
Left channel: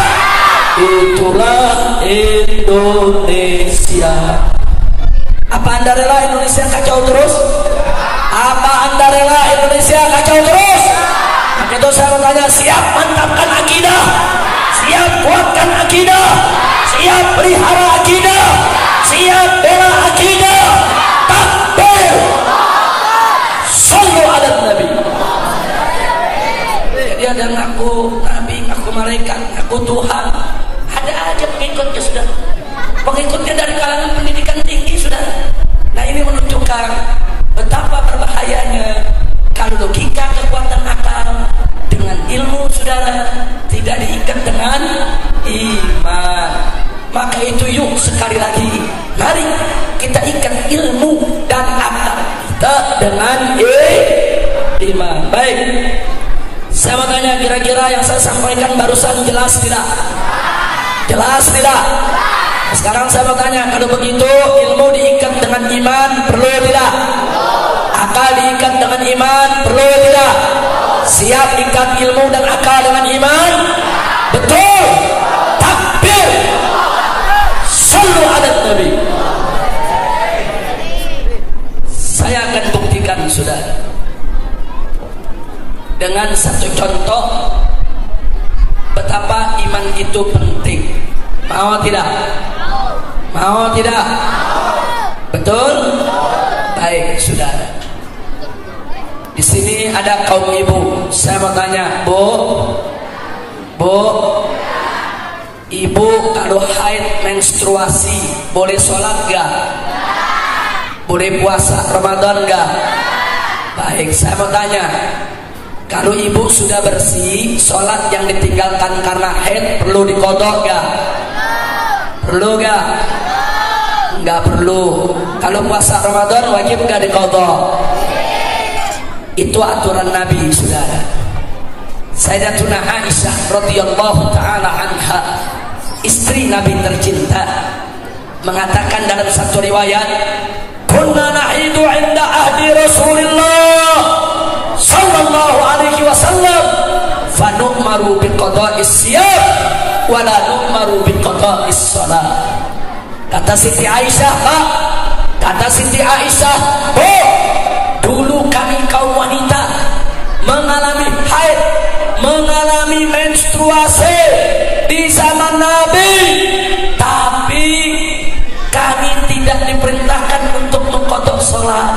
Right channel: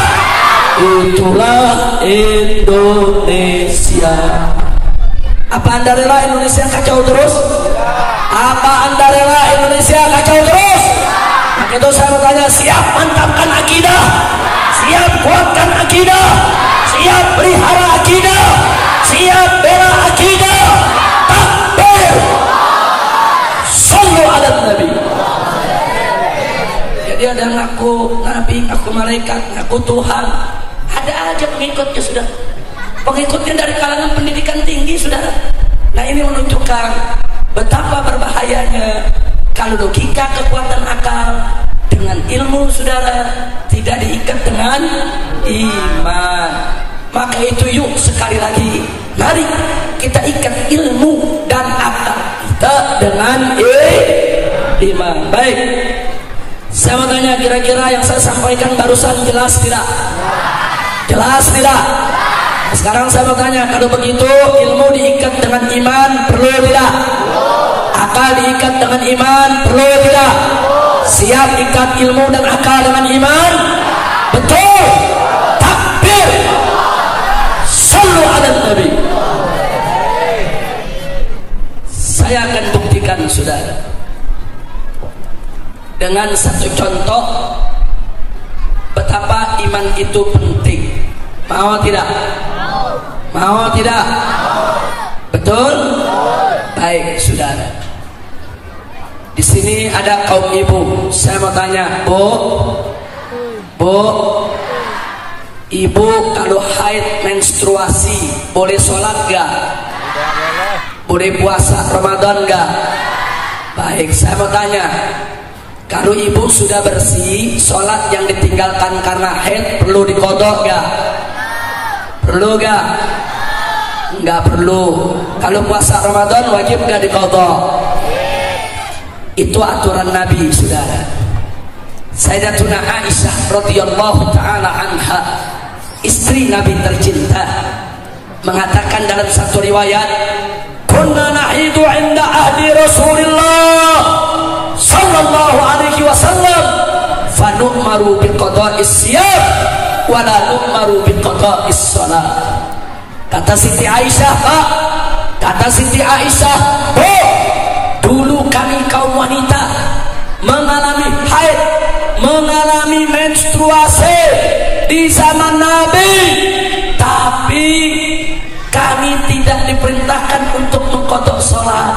Itulah Indonesia. Apa Anda rela Indonesia kacau terus? Apa Anda rela Indonesia kacau terus? Maka itu saya mau tanya, siap mantapkan akidah? Siap kuatkan akidah? Siap pelihara akidah? Siap bela akidah? Takbir! Sallu ala Nabi. Jadi ada ngaku Nabi, ngaku malaikat, ngaku Tuhan. Ada aja pengikutnya, sudah. Pengikutnya dari kalangan pendidikan tinggi, saudara. Nah ini menunjukkan betapa berbahayanya kalau logika, kekuatan akal dengan ilmu saudara tidak diikat dengan iman. Maka itu yuk sekali lagi, mari kita ikat ilmu dan akal kita dengan iman. Baik, saya mau tanya, kira-kira yang saya sampaikan barusan jelas tidak? Jelas tidak? Sekarang saya mau tanya, kalau begitu ilmu diikat dengan iman perlu tidak? Akal diikat dengan iman perlu tidak? Siap ikat ilmu dan akal dengan iman? Betul. Takbir. Sallu ala Nabi. Saya akan buktikan saudara dengan satu contoh betapa iman itu penting. Mau tidak? Mau tidak? Betul? Baik saudara. Di sini ada kaum ibu. Saya mau tanya, Bu, ibu kalau haid menstruasi boleh sholat gak? Boleh puasa Ramadan gak? Baik, saya mau tanya, kalau ibu sudah bersih, sholat yang ditinggalkan karena haid perlu diqodok gak? Perlu gak? Enggak perlu. Kalau puasa Ramadan wajib gak diqodok? Itu aturan Nabi saudara. Sayyidatuna Aisyah radhiyallahu taala anha, istri Nabi tercinta, mengatakan dalam satu riwayat, kunna nahidu 'inda ahdi Rasulillah sallallahu alaihi wasallam fa nu'maru biqada'is siyam wa la nu'maru biqada'is shalah. Kata Siti Aisyah, Pak, kata Siti Aisyah, Bu, dulu kami kaum wanita mengalami haid, mengalami menstruasi di zaman Nabi, tapi kami tidak diperintahkan untuk mengqadha salat.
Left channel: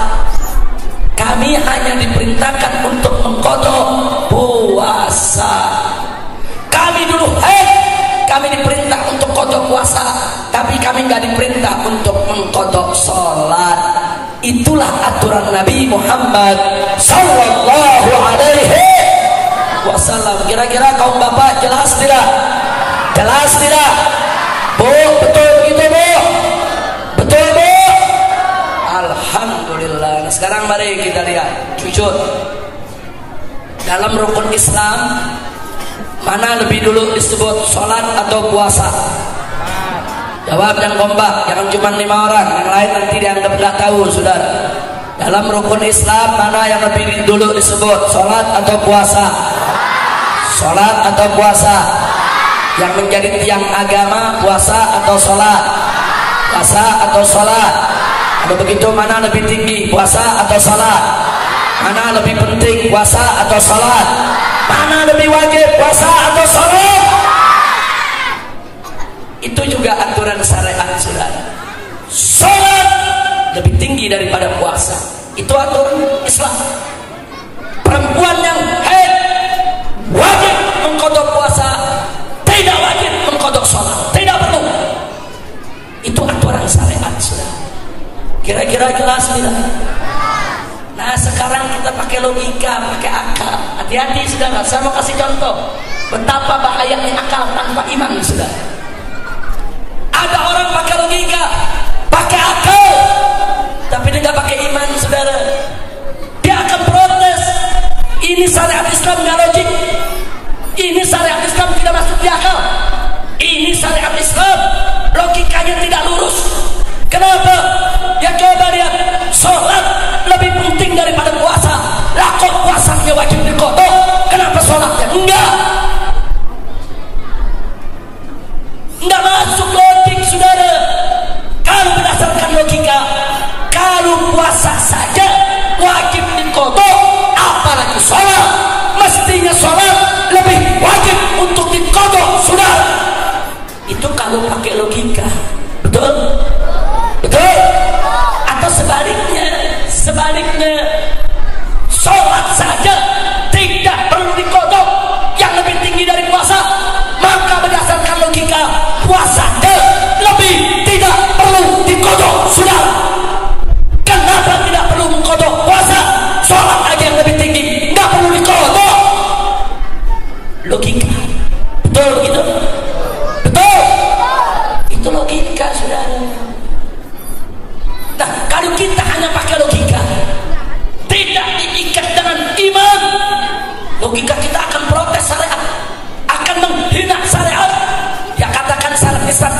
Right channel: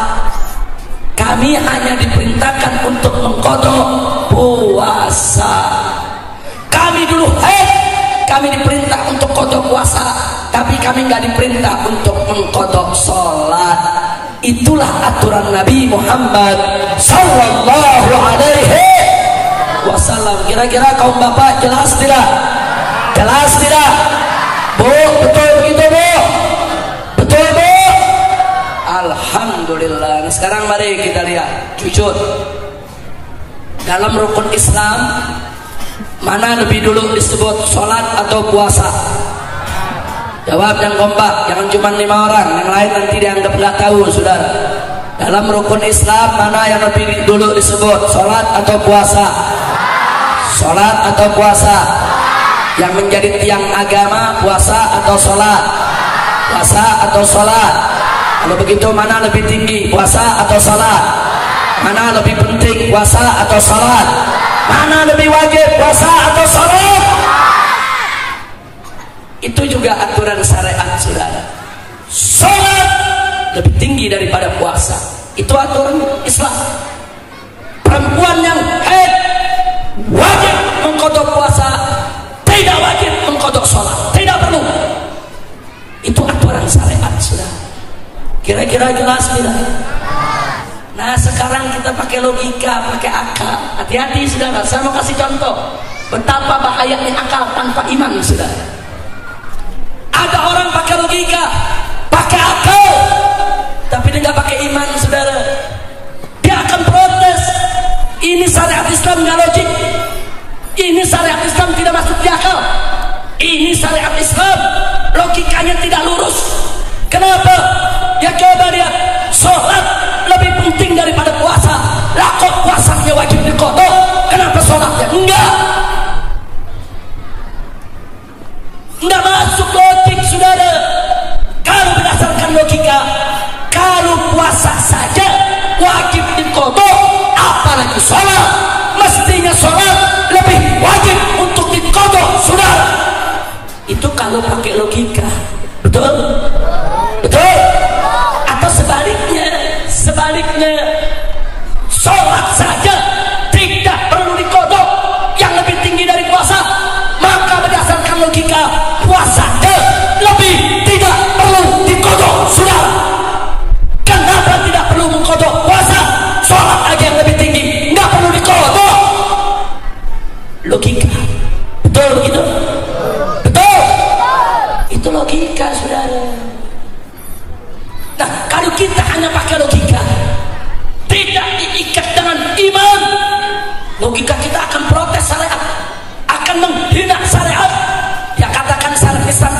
Kami hanya diperintahkan untuk mengqadha puasa. Kami dulu haid, kami diperintah untuk qadha puasa, tapi kami nggak diperintah untuk mengqadha salat. Itulah aturan Nabi Muhammad sallallahu alaihi wasallam. Kira-kira kaum bapak jelas tidak? Jelas tidak? Bu, betul begitu Bu? Betul Bu? Alhamdulillah. Nah, sekarang mari kita lihat, jujur, dalam rukun Islam mana lebih dulu disebut sholat atau puasa? Jawab yang kompak, jangan cuma 5 orang, yang lain nanti dianggap nggak tahu, saudara. Dalam rukun Islam mana yang lebih dulu disebut, sholat atau puasa? Sholat atau puasa? Yang menjadi tiang agama, puasa atau sholat? Puasa atau sholat? Kalau begitu mana lebih tinggi, puasa atau sholat? Mana lebih penting, puasa atau sholat? Mana lebih wajib, puasa atau sholat? Itu juga aturan syariat saudara. Sholat lebih tinggi daripada puasa. Itu aturan Islam. Perempuan yang haid wajib mengqadha puasa, tidak wajib mengqadha sholat, tidak perlu. Itu aturan syariat saudara. Kira-kira jelas tidak? Nah sekarang kita pakai logika, pakai akal. Hati-hati saudara. Saya mau kasih contoh betapa bahayanya akal tanpa iman saudara. Ada orang pakai logika, pakai akal, tapi dia nggak pakai iman, saudara. Dia akan protes. Ini syariat Islam nggak logik. Ini syariat Islam tidak masuk di akal. Ini syariat Islam logikanya tidak lurus. Kenapa? Ya coba lihat, sholat lebih penting daripada puasa. Lah kok puasanya wajib diqadha? Kenapa sholatnya enggak? Enggak masuk logik saudara. Kalau berdasarkan logika, kalau puasa saja wajib diqadha, apalagi sholat. Mestinya sholat lebih wajib untuk diqadha saudara. Itu kalau pakai logika. Betul? Betul? Atau sebaliknya, sholat saja tidak perlu diqadha, yang lebih tinggi dari puasa. Maka berdasarkan logika, puasa lebih tidak perlu diqadha saudara.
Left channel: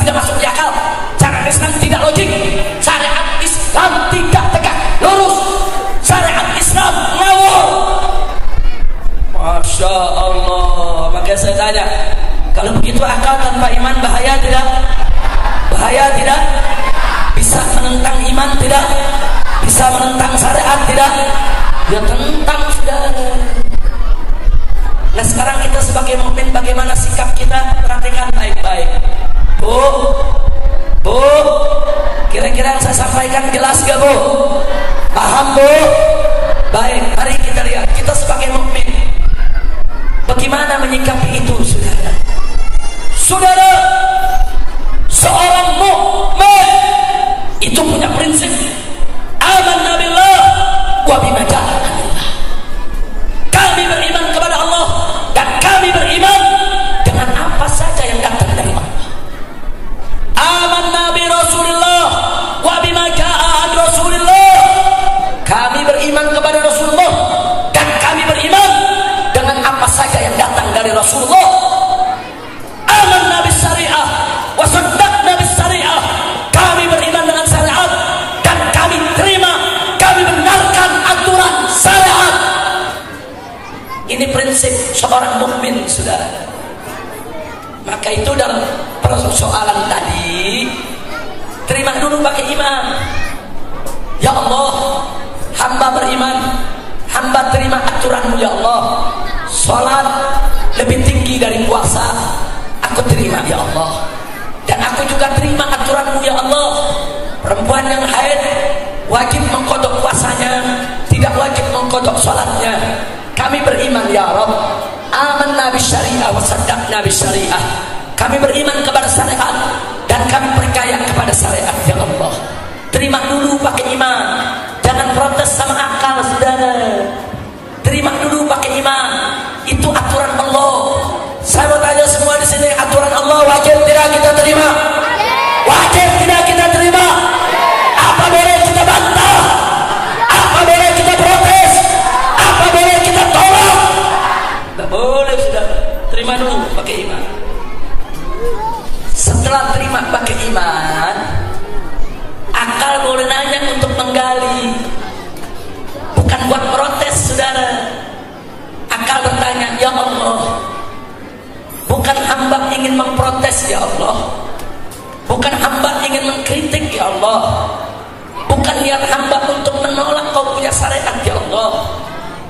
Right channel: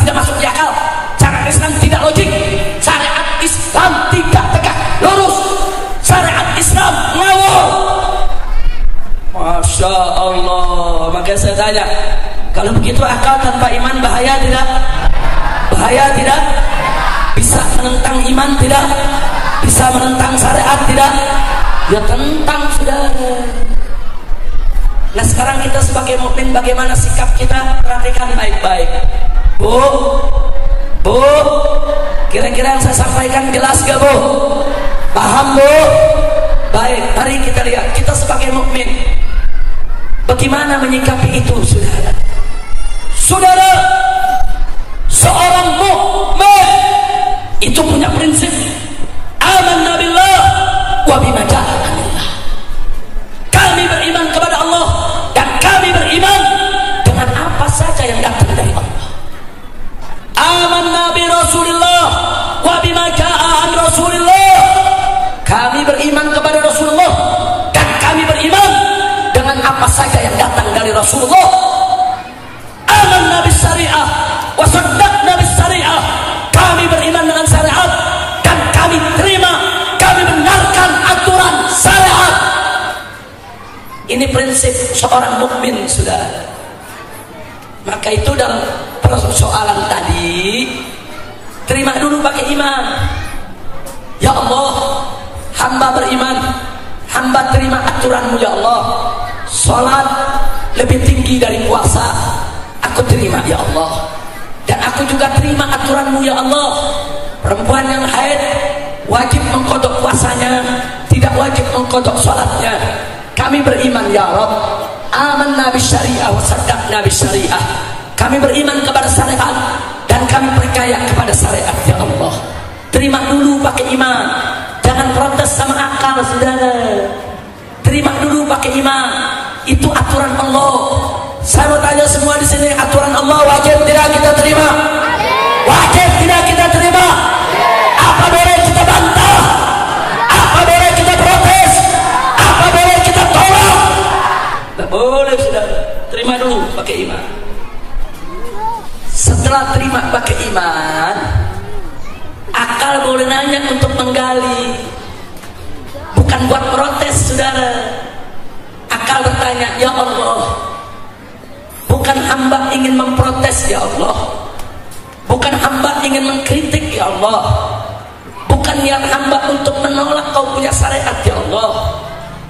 tidak masuk di akal, cara Islam tidak logik, syariat Islam tidak tegak lurus, syariat Islam ngawur. Masya Allah. Maka saya tanya, kalau begitu akal tanpa iman bahaya tidak? Bahaya tidak? Bisa menentang iman tidak? Bisa menentang syariat tidak? Ya tentang, saudara. Nah sekarang kita sebagai mukmin bagaimana sikap kita? Perhatikan baik-baik. Bu, kira-kira yang saya sampaikan jelas gak Bu? Paham Bu? Baik, mari kita lihat kita sebagai mukmin bagaimana menyikapi itu, saudara. Saudara, seorang mukmin itu punya prinsip amanna billah wa bima ja'a anillah. Kami beriman kepada Allah dan kami beriman dengan apa saja yang datang dari Allah. Amanna bi Rasulillah wa bima ja'a an Rasulillah. Kami beriman kepada Rasulullah dan kami beriman dengan apa saja yang datang dari Rasulullah. Amanna bis syariah wa saddaqna bis syariah. Kami beriman dengan syariat dan kami terima, kami benarkan aturan syariat. Ini prinsip seorang mukmin, saudara. Maka itu dalam persoalan tadi, terima dulu pakai iman. Ya Allah, hamba beriman, hamba terima aturanmu ya Allah. Salat lebih tinggi dari puasa, aku terima ya Allah. Dan aku juga terima aturanmu ya Allah. Perempuan yang haid wajib mengkodok puasanya, tidak wajib mengkodok salatnya. Kami beriman ya Rabb. Amanna bisyariah wa saddaqna bisyariah. Kami beriman kepada syariat dan kami percaya kepada syariat ya Allah. Terima dulu pakai iman, jangan protes sama akal, saudara. Terima dulu pakai iman. Itu aturan Allah. Saya mau tanya semua di sini, aturan Allah wajib tidak kita terima? Wajib tidak kita terima? Apa boleh kita bantah? Apa boleh kita protes? Apa boleh kita tolak? Tidak boleh, saudara. Terima dulu pakai iman. Setelah terima pakai iman, akal boleh nanya untuk menggali, bukan buat protes, saudara. Akal bertanya, ya Allah, bukan hamba ingin memprotes ya Allah, bukan hamba ingin mengkritik ya Allah, bukan niat hamba untuk menolak kau punya syariat ya Allah.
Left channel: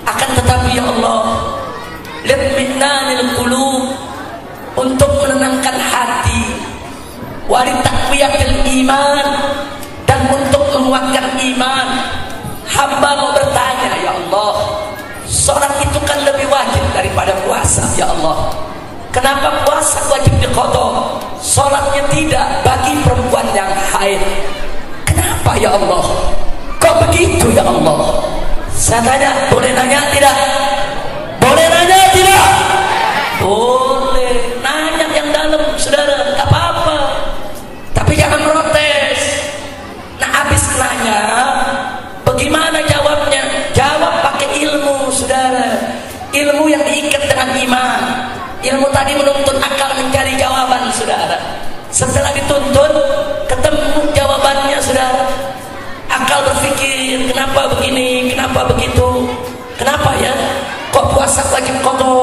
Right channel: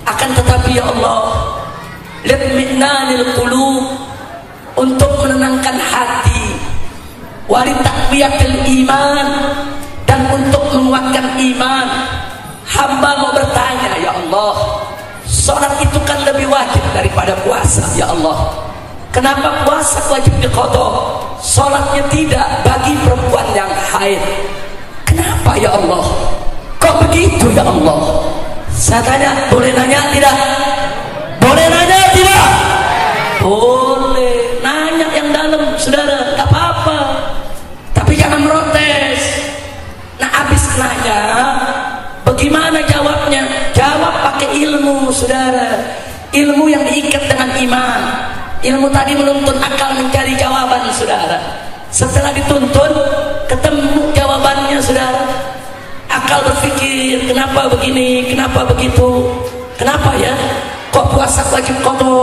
Akan tetapi ya Allah, litminanil qulub, untuk menenangkan hati, walitaqwiyatil iman, dan untuk menguatkan iman, hamba mau bertanya ya Allah, sholat itu kan lebih wajib daripada puasa ya Allah. Kenapa puasa wajib diqadha, sholatnya tidak bagi perempuan yang haid? Kenapa ya Allah? Kok begitu ya Allah? Saya tanya, boleh nanya tidak? Boleh nanya tidak? Boleh nanya yang dalam, saudara, tak apa-apa, tapi jangan protes. Nah habis nanya, bagaimana jawabnya? Jawab pakai ilmu, saudara. Ilmu yang diikat dengan iman. Ilmu tadi menuntun akal mencari jawaban, saudara. Setelah dituntun, ketemu jawabannya, saudara. Akal berpikir, kenapa begini, kenapa begitu, kenapa ya? Kok puasa wajib qadha,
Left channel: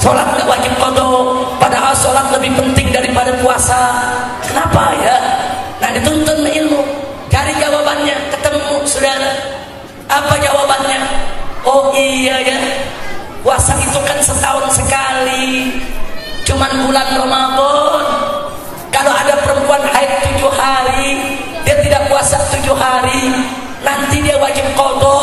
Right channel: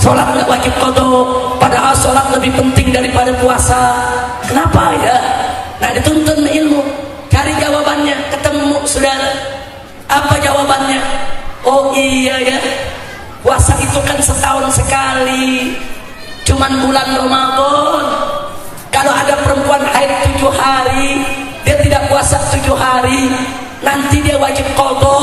sholat nggak wajib qadha, padahal sholat lebih penting daripada puasa. Kenapa ya? Nah dituntun ilmu, cari jawabannya, ketemu, saudara. Apa jawabannya? Oh iya ya, puasa itu kan setahun sekali, cuman bulan Ramadan. Kalau ada perempuan haid 7 hari, dia tidak puasa 7 hari, nanti dia wajib qadha.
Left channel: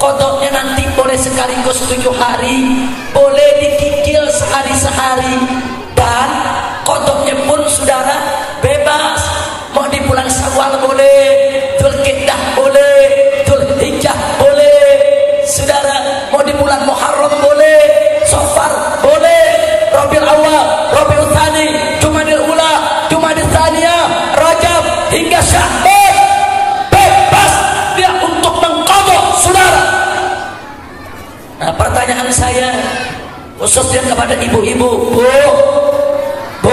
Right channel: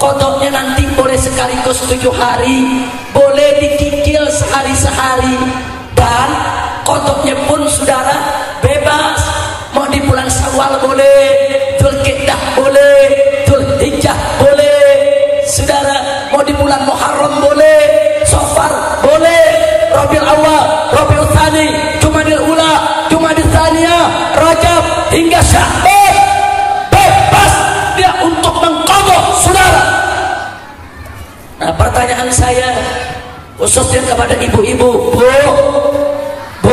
Qadhanya nanti boleh sekaligus 7 hari, boleh dicicil sehari-sehari, dan qadhanya pun saudara bebas. Mau di bulan Syawal boleh, Dzulqa'dah boleh, Dzulhijjah boleh, saudara. Mau di bulan Muharram boleh, Safar boleh, Rabiul Awwal, Rabiul Tsani, Jumadil Ula, Jumadil Tsaniyah, Rajab hingga Sya'ban, bebas dia untuk mengqadha, saudara. Nah pertanyaan saya khususnya kepada ibu-ibu, Bu,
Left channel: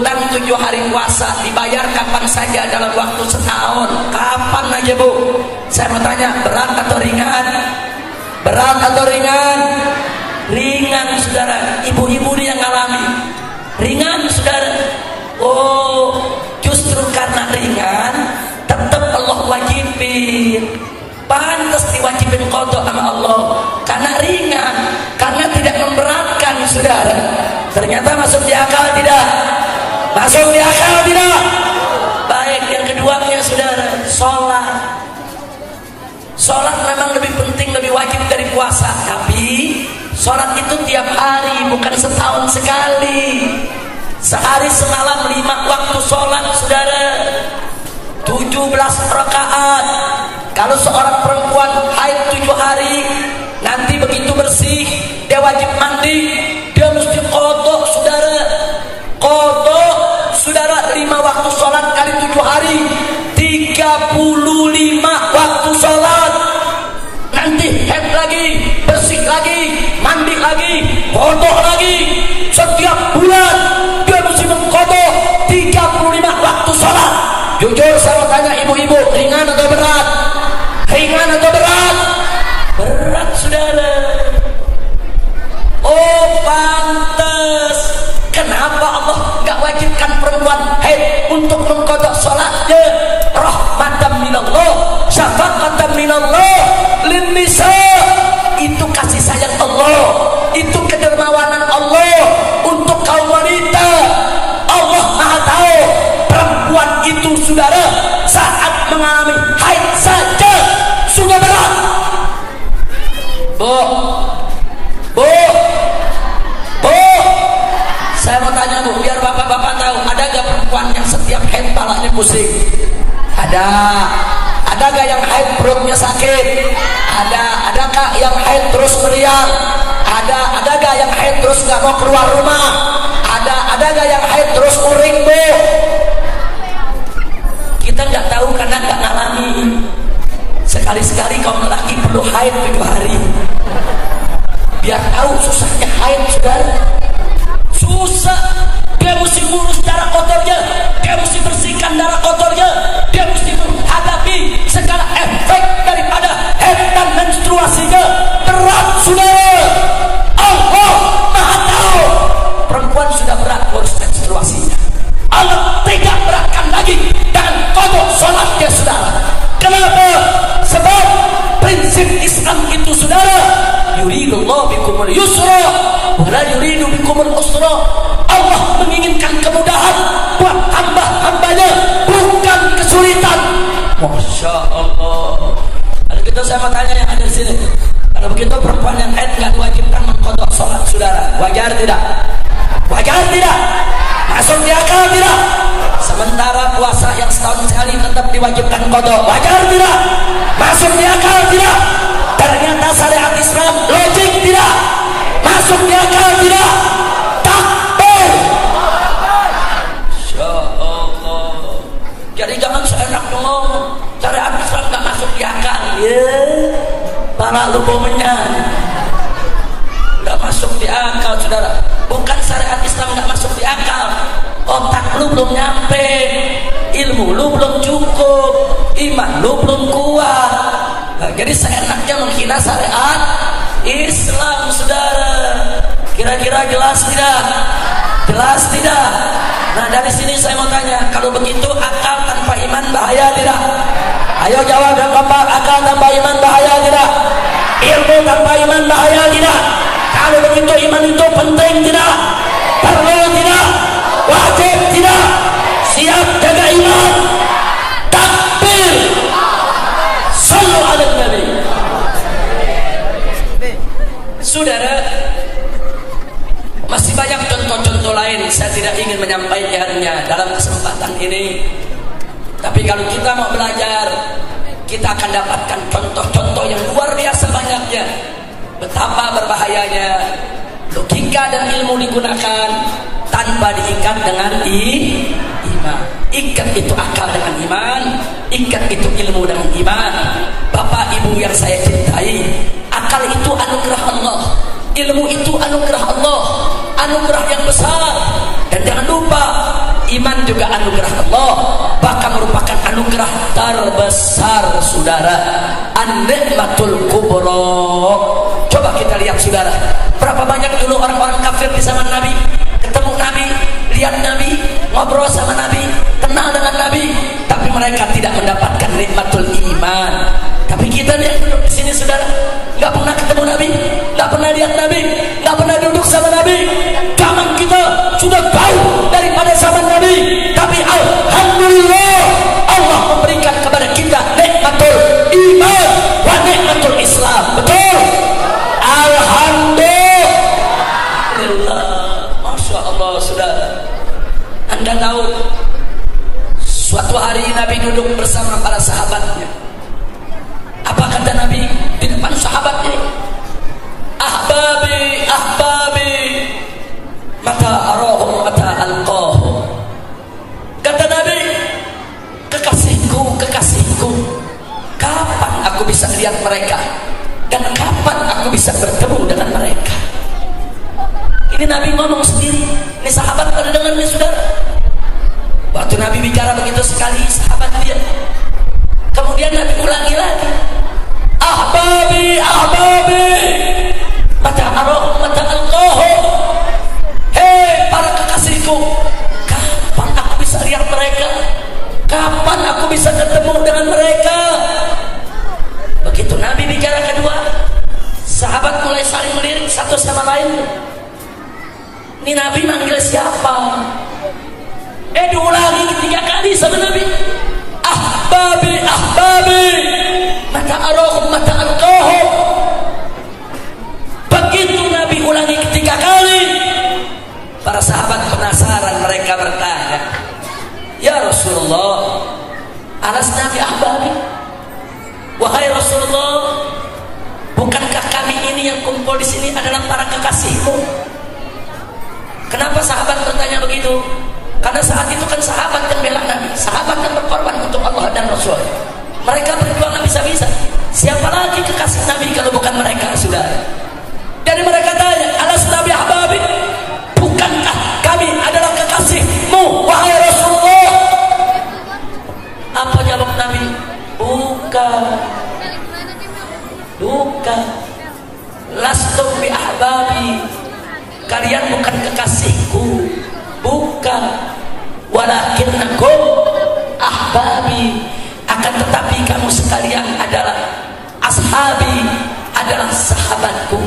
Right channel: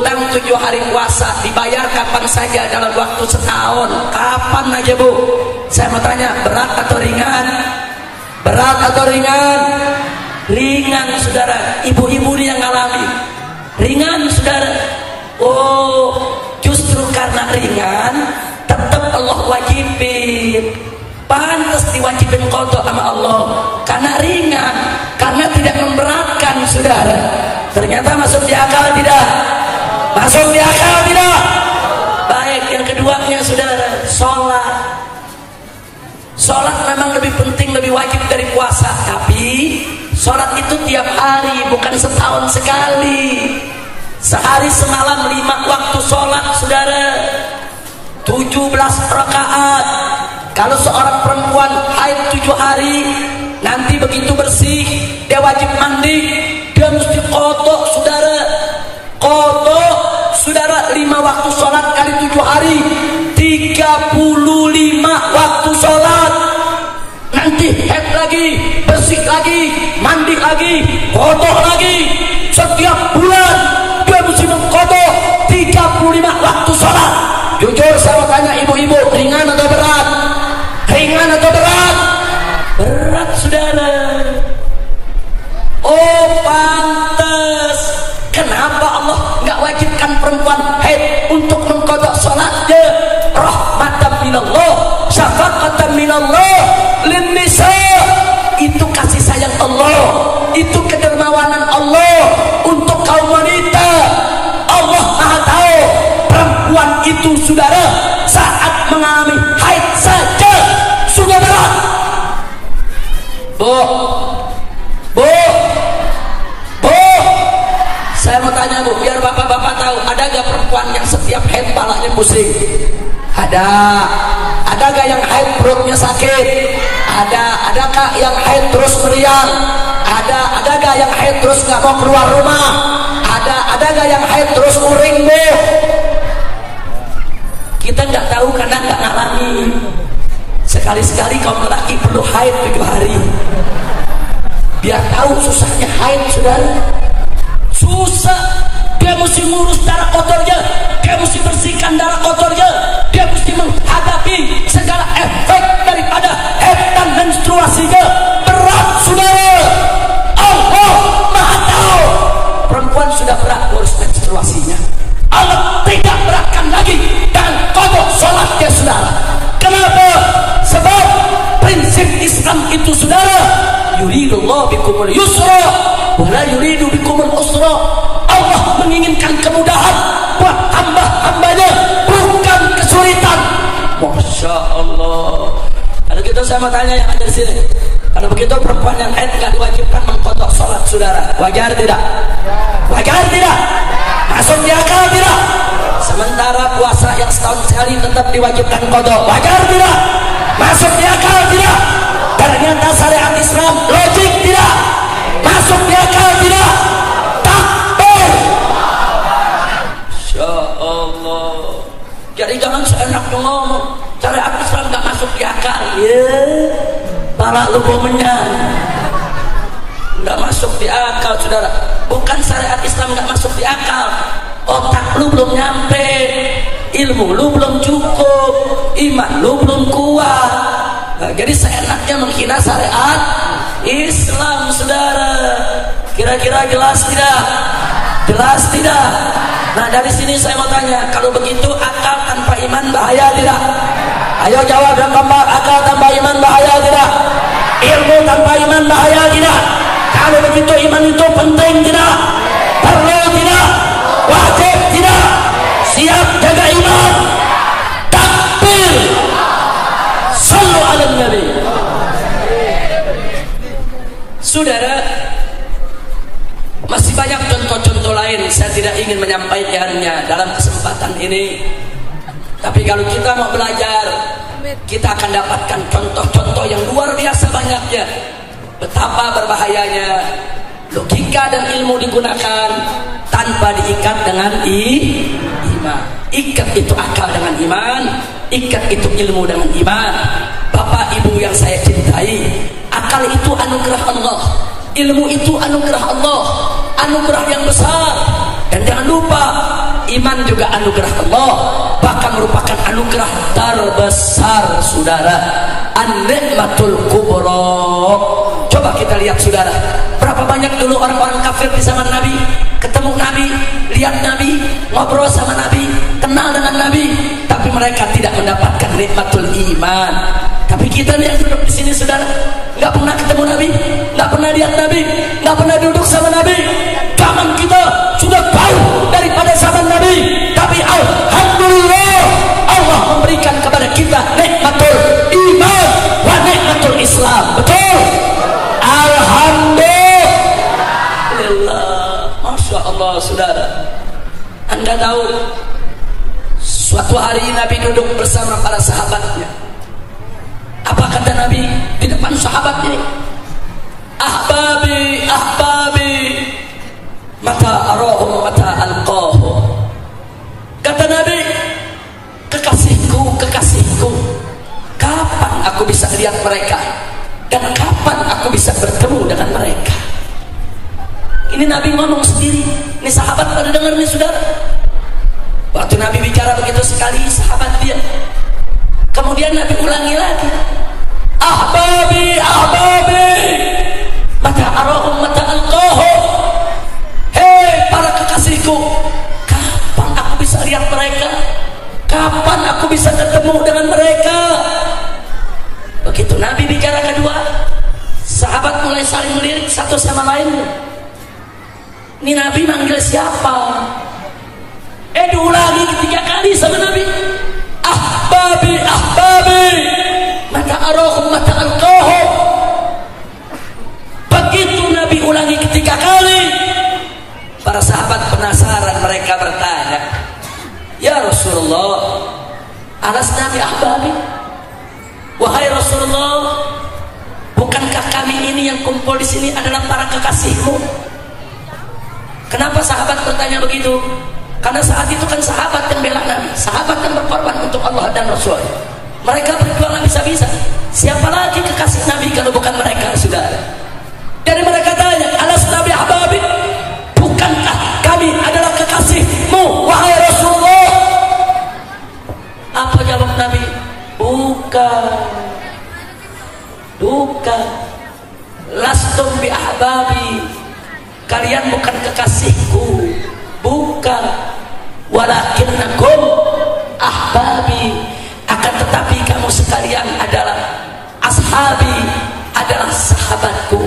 utang 7 hari puasa dibayar kapan saja dalam waktu setahun. Kapan aja Bu? Saya mau tanya, berat atau ringan? Berat atau ringan? Ringan saudara. Ibu-ibu ini yang ngalami ringan saudara. Oh, justru karena ringan tetap Allah wajibin. Pantas diwajibin qada sama Allah karena ringan, karena tidak memberatkan saudara. Ternyata masuk di akal tidak? Masuk di akal tidak? Baik, yang keduanya saudara, sholat. Sholat memang lebih penting, lebih wajib dari puasa. Tapi sholat itu tiap hari, bukan setahun sekali. Sehari semalam 5 waktu sholat saudara, 17 rakaat. Kalau seorang perempuan haid 7 hari, nanti begitu bersih dia wajib mandi, dia mesti qada saudara. Qada saudara 5 waktu sholat kali 7 hari 35 waktu sholat. Nanti haid lagi, bersih lagi, mandi lagi, qada lagi. Setiap bulan dia mesti mengqada 35 waktu sholat. Jujur saya tanya ibu-ibu, ringan atau berat? Ringan atau berat? Berat saudara. Oh pantas. Kenapa Allah nggak wajibkan perempuan haid untuk mengqada sholatnya? Rahmatan minallah, syafaqatan minallah lin nisa. Itu kasih sayang Allah, itu kedermawanan Allah untuk kaum wanita. Allah Maha tahu perempuan itu saudara saat mengalami haid saja sudah berat. Bu, saya mau tanya Bu, biar bapak-bapak tahu, ada gak perempuan yang setiap haid palanya pusing? Ada. Ada gak yang haid perutnya sakit? Ada. Adakah yang haid terus meriang? Ada gak yang haid terus gak mau keluar rumah? Ada gak yang haid terus uring Bu? Kita nggak tahu karena nggak ngalami. Sekali-sekali kaum lelaki perlu haid 7 hari, biar tahu susahnya haid saudara. Susah. Dia mesti ngurus darah kotornya, dia mesti bersihkan darah kotornya, dia mesti menghadapi segala efek daripada haid dan menstruasinya. Berat saudara. Allah Maha tahu perempuan sudah berat ngurus menstruasinya. Allah tidak beratkan lagi dan qada sholatnya saudara. Kenapa? Sebab prinsip Islam itu saudara, yuridullahu bikumul yusra wa la yuridu bikumul usra. Allah menginginkan kemudahan buat hamba-hambanya, bukan kesulitan. Masya Allah. Kalau gitu saya mau tanya yang ada di sini, kalau begitu perempuan yang haid nggak diwajibkan mengqada sholat saudara, wajar tidak? Wajar tidak? Masuk di akal tidak? Sementara puasa yang setahun sekali tetap diwajibkan qada, wajar tidak? Masuk di akal tidak? Ternyata syariat Islam logik tidak? Masuk di akal tidak? Takbir. Masya Allah. Jadi jangan seenaknya ngomong syariat Islam gak masuk di akal. Ya, pala lu bomenyan. Gak masuk di akal saudara. Bukan syariat Islam gak masuk di akal, otak lu belum nyampe, ilmu lu belum cukup, iman lu belum kuat. Nah, jadi seenaknya menghina syariat Islam saudara. Kira-kira jelas tidak? Jelas tidak? Nah dari sini saya mau tanya, kalau begitu akal tanpa iman bahaya tidak? Ayo jawab yang keempat, akal tanpa iman bahaya tidak? Ilmu tanpa iman bahaya tidak? Kalau begitu iman itu penting tidak? Perlu tidak? Wajib tidak? Siap jaga iman? Takbir. Sallu ala Nabi. Saudara, masih banyak contoh-contoh lain, saya tidak ingin menyampaikannya dalam kesempatan ini. Tapi kalau kita mau belajar, kita akan dapatkan contoh-contoh yang luar biasa banyaknya. Betapa berbahayanya logika dan ilmu digunakan tanpa diikat dengan iman. Ikat itu akal dengan iman, ikat itu ilmu dengan iman. Bapak ibu yang saya cintai, akal itu anugerah Allah, ilmu itu anugerah Allah, anugerah yang besar. Dan jangan lupa, Iman juga anugerah Allah, bahkan merupakan anugerah terbesar saudara, an-ni'matul kubra. Coba kita lihat saudara, berapa banyak dulu orang-orang kafir di zaman Nabi ketemu Nabi, lihat Nabi, ngobrol sama Nabi, kenal dengan Nabi, tapi mereka tidak mendapatkan nikmatul iman. Tapi kita nih yang duduk di sini saudara, nggak pernah ketemu Nabi, nggak pernah lihat Nabi, nggak pernah duduk sama Nabi. Zaman kita sudah jauh daripada zaman Nabi, tapi alhamdulillah Allah memberikan kepada kita nikmatul iman wa nikmatul Islam. Betul? Alhamdulillah. Masya Allah saudara. Anda tahu suatu hari Nabi duduk bersama para sahabatnya. Apa kata Nabi di depan sahabatnya? Ahbabi, ahbabi, mata arahum mata alqahum. Kata Nabi, kekasihku, kekasihku, kapan aku bisa lihat mereka dan kapan aku bisa bertemu dengan mereka? Ini Nabi ngomong sendiri. Ini sahabat pada dengar nih saudara. Waktu Nabi bicara begitu sekali, sahabat dia. Kemudian Nabi ulangi lagi. Ahbabi, ahbabi, mata arahum mata alqahum. Hei para kekasihku, kapan aku bisa lihat mereka? Kapan aku bisa ketemu dengan mereka? Begitu Nabi bicara kedua, sahabat mulai saling melirik satu sama lain. Ini Nabi manggil siapa? Diulangi ketiga kali sama Nabi. Ahbabi, ahbabi, mata arahum mata alqahum. Begitu Nabi ulangi ketiga kali, para sahabat penasaran, mereka bertanya, ya Rasulullah, alasna bi ahbabi? Wahai Rasulullah, bukankah kami ini yang kumpul di sini adalah para kekasihmu? Kenapa sahabat bertanya begitu? Karena saat itu kan sahabat yang bela Nabi, sahabat yang berkorban untuk Allah dan Rasul. Mereka berjuang bisa-bisa. Siapa lagi kekasih Nabi kalau bukan mereka, saudara? Jadi mereka tanya, alasna bi ahbabi? Bukankah kami adalah kekasihmu, wahai Rasulullah? Apa jawab Nabi? Bukan. Bukan. Lastum bi ahbabi. Kalian bukan kekasihku, bukan. Walakinnakum ahbabi, akan tetapi kamu sekalian adalah ashabi, adalah sahabatku.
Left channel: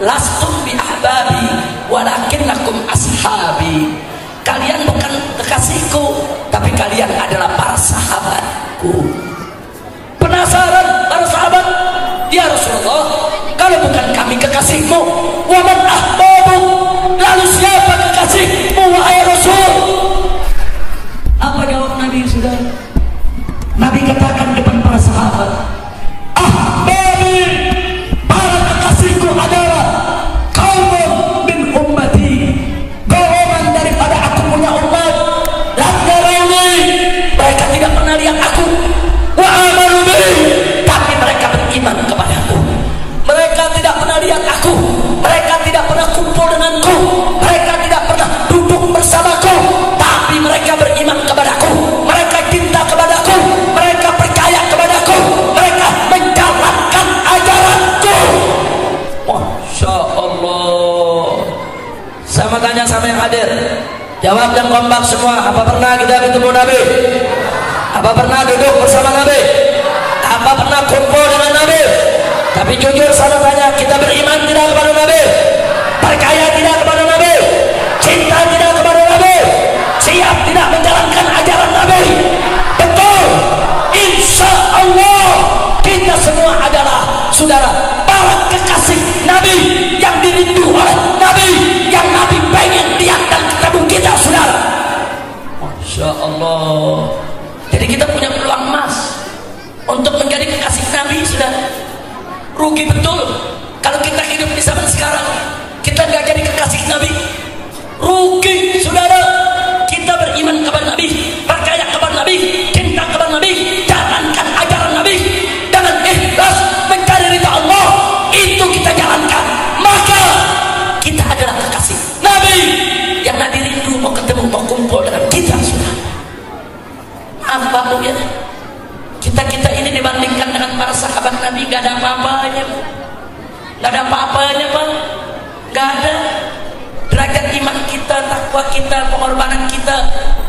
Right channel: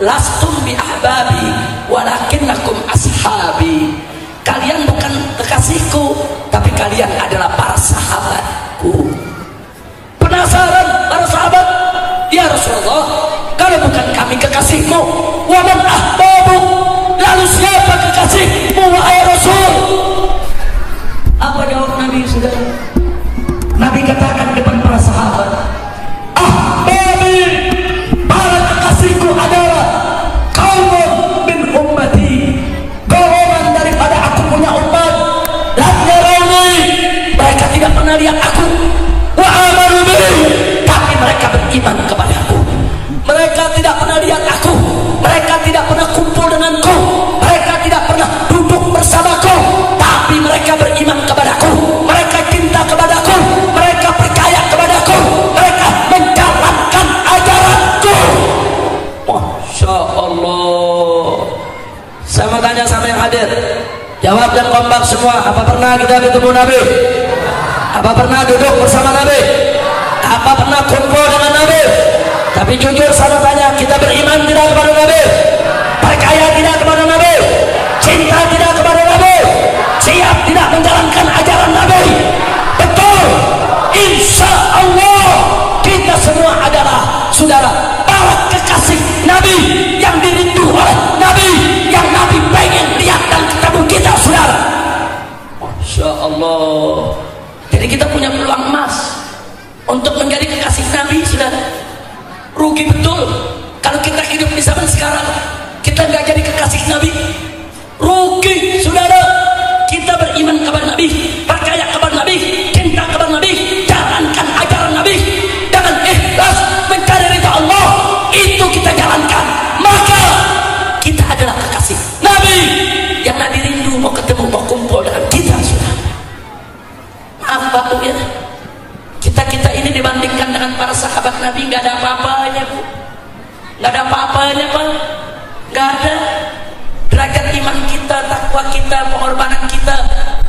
Lastum bi ahbabi, walakinnakum ashabi. Kalian bukan kekasihku, tapi kalian adalah para sahabatku. Penasaran para sahabat, ya Rasulullah, kalau bukan kami kekasihmu, wa man ahbabu, lalu siapa kekasihmu wahai Rasul? Apa jawab Nabi saudara? Nabi katakan depan para sahabat, ahbabi, para kekasihku adalah qaumun min ummati, golongan daripada aku punya umat. Lam yarawni, mereka tidak pernah lihat aku, wa amanu bi, tapi mereka beriman kepadaku. Mereka tidak pernah lihat aku, mereka tidak pernah kumpul denganku, mereka tidak pernah duduk bersamaku, tapi mereka beriman kepadaku, mereka cinta kepadaku, mereka percaya kepadaku, mereka menjalankan ajaranku. Masya Allah. Sama tanya sama yang hadir, jawab dan kompak semua. Apa pernah kita ketemu Nabi? Apa pernah duduk bersama Nabi? Apa pernah kumpul dengan Nabi? Tapi jujur saya tanya, kita beriman tidak kepada Nabi? Percaya tidak kepada Nabi? Cinta tidak kepada Nabi? Siap tidak menjalankan ajaran Nabi? Betul. Insya Allah kita semua adalah saudara para kekasih Nabi, yang dirindu oleh Nabi, yang Nabi pengen lihat dan ketemu kita saudara. Masya Allah. Jadi kita punya peluang emas untuk menjadi kekasih Nabi saudara. Rugi betul kalau kita hidup di zaman sekarang kita nggak jadi kekasih Nabi. Rugi saudara. Kita beriman kepada Nabi, percaya kepada Nabi, cinta kepada Nabi, jalankan ajaran Nabi dengan ikhlas mencari ridha Allah, itu kita jalankan, maka kita adalah kekasih Nabi yang Nabi rindu mau ketemu, mau kumpul dengan kita. tahu ya, kita ini dibandingkan dengan para sahabat Nabi nggak ada apa-apanya, nggak ada apa-apanya Pak, nggak ada. Derajat iman kita, takwa kita, pengorbanan kita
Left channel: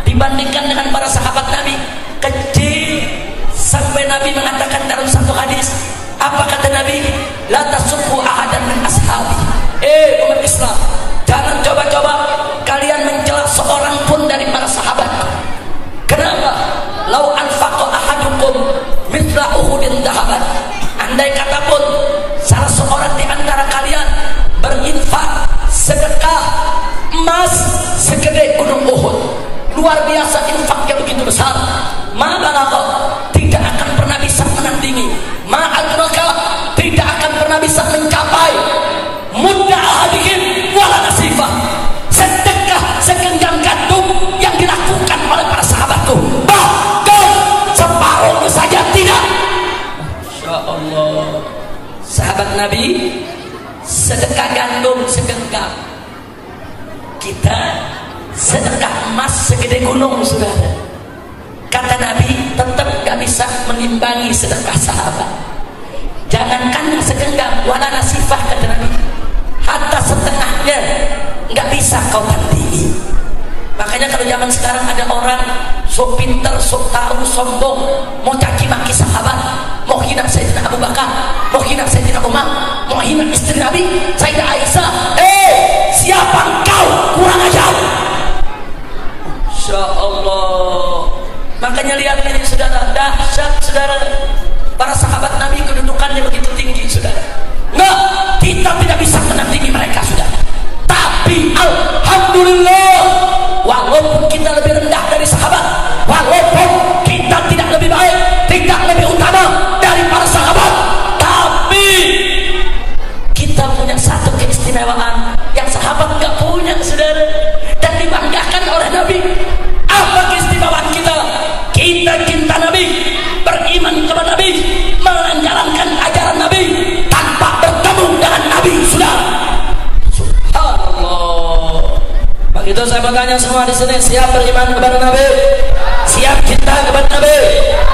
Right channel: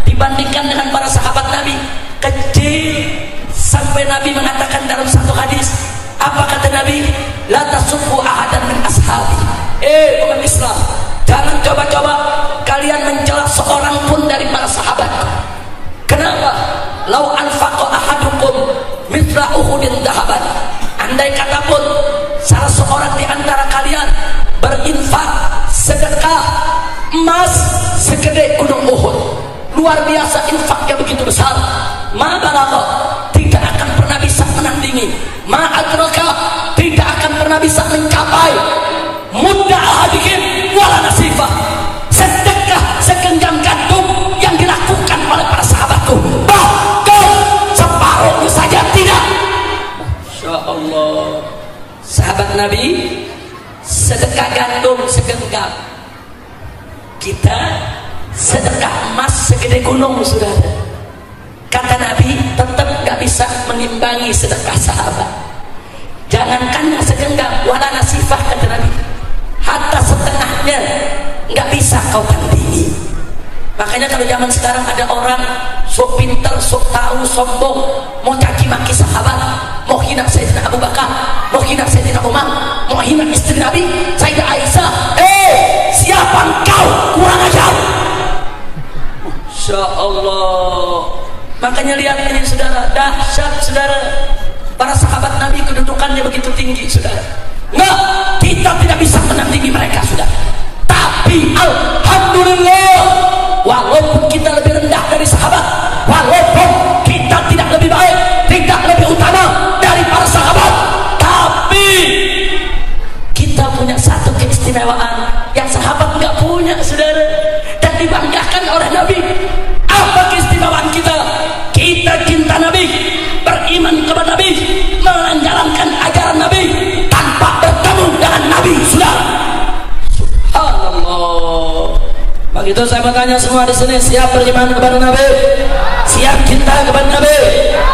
dibandingkan dengan para sahabat Nabi kecil. Sampai Nabi mengatakan dalam satu hadis, apa kata Nabi? La tasubbu ahadan min ashabi. Umat Islam, jangan coba-coba kalian mencela seorang pun dari para sahabat. Kenapa? Lau anfaqa ahadukum mithla uhudin dahaban. Andai kata pun salah seorang di antara kalian berinfak sedekah emas segede gunung Uhud, luar biasa infaknya begitu besar, ma balagha, tidak akan pernah bisa menandingi, ma adraka, tidak akan pernah bisa mencapai mudda ahadihim wala nasifah, sedekah segenggam jantung yang dilakukan oleh para sahabatku, bahkan separuhnya saja tidak. Masya Allah, sahabat Nabi sedekah gandum segenggam, kita sedekah emas segede gunung, saudara. Kata Nabi tetap gak bisa mengimbangi sedekah sahabat. Jangankan yang segenggam, wala nasifah, kata Nabi, hatta setengahnya gak bisa kau tandingi. Makanya kalau zaman sekarang ada orang sok pinter, sok tahu, sombong, mau caci maki sahabat, mau hina Sayyidina Abu Bakar, mau hina Sayyidina Umar, mau hina istri Nabi Sayyidah Aisyah. Siapa engkau? Kurang ajar. Insya Allah. Makanya lihat ini saudara, dahsyat saudara, para sahabat Nabi kedudukannya begitu tinggi saudara. Enggak, kita tidak bisa menandingi mereka saudara. Tapi alhamdulillah, walaupun kita lebih rendah dari sahabat, walaupun kita tidak lebih baik, tidak lebih utama dari para sahabat, tapi kita punya satu keistimewaan yang sahabat nggak punya saudara, dan dibanggakan oleh Nabi. Apa keistimewaan kita? Kita cinta Nabi, beriman kepada Nabi, menjalankan ajaran Nabi tanpa bertemu dengan Nabi saudara. Subhanallah. Begitu saya bertanya semua di sini, siap beriman kepada Nabi, siap cinta kepada Nabi,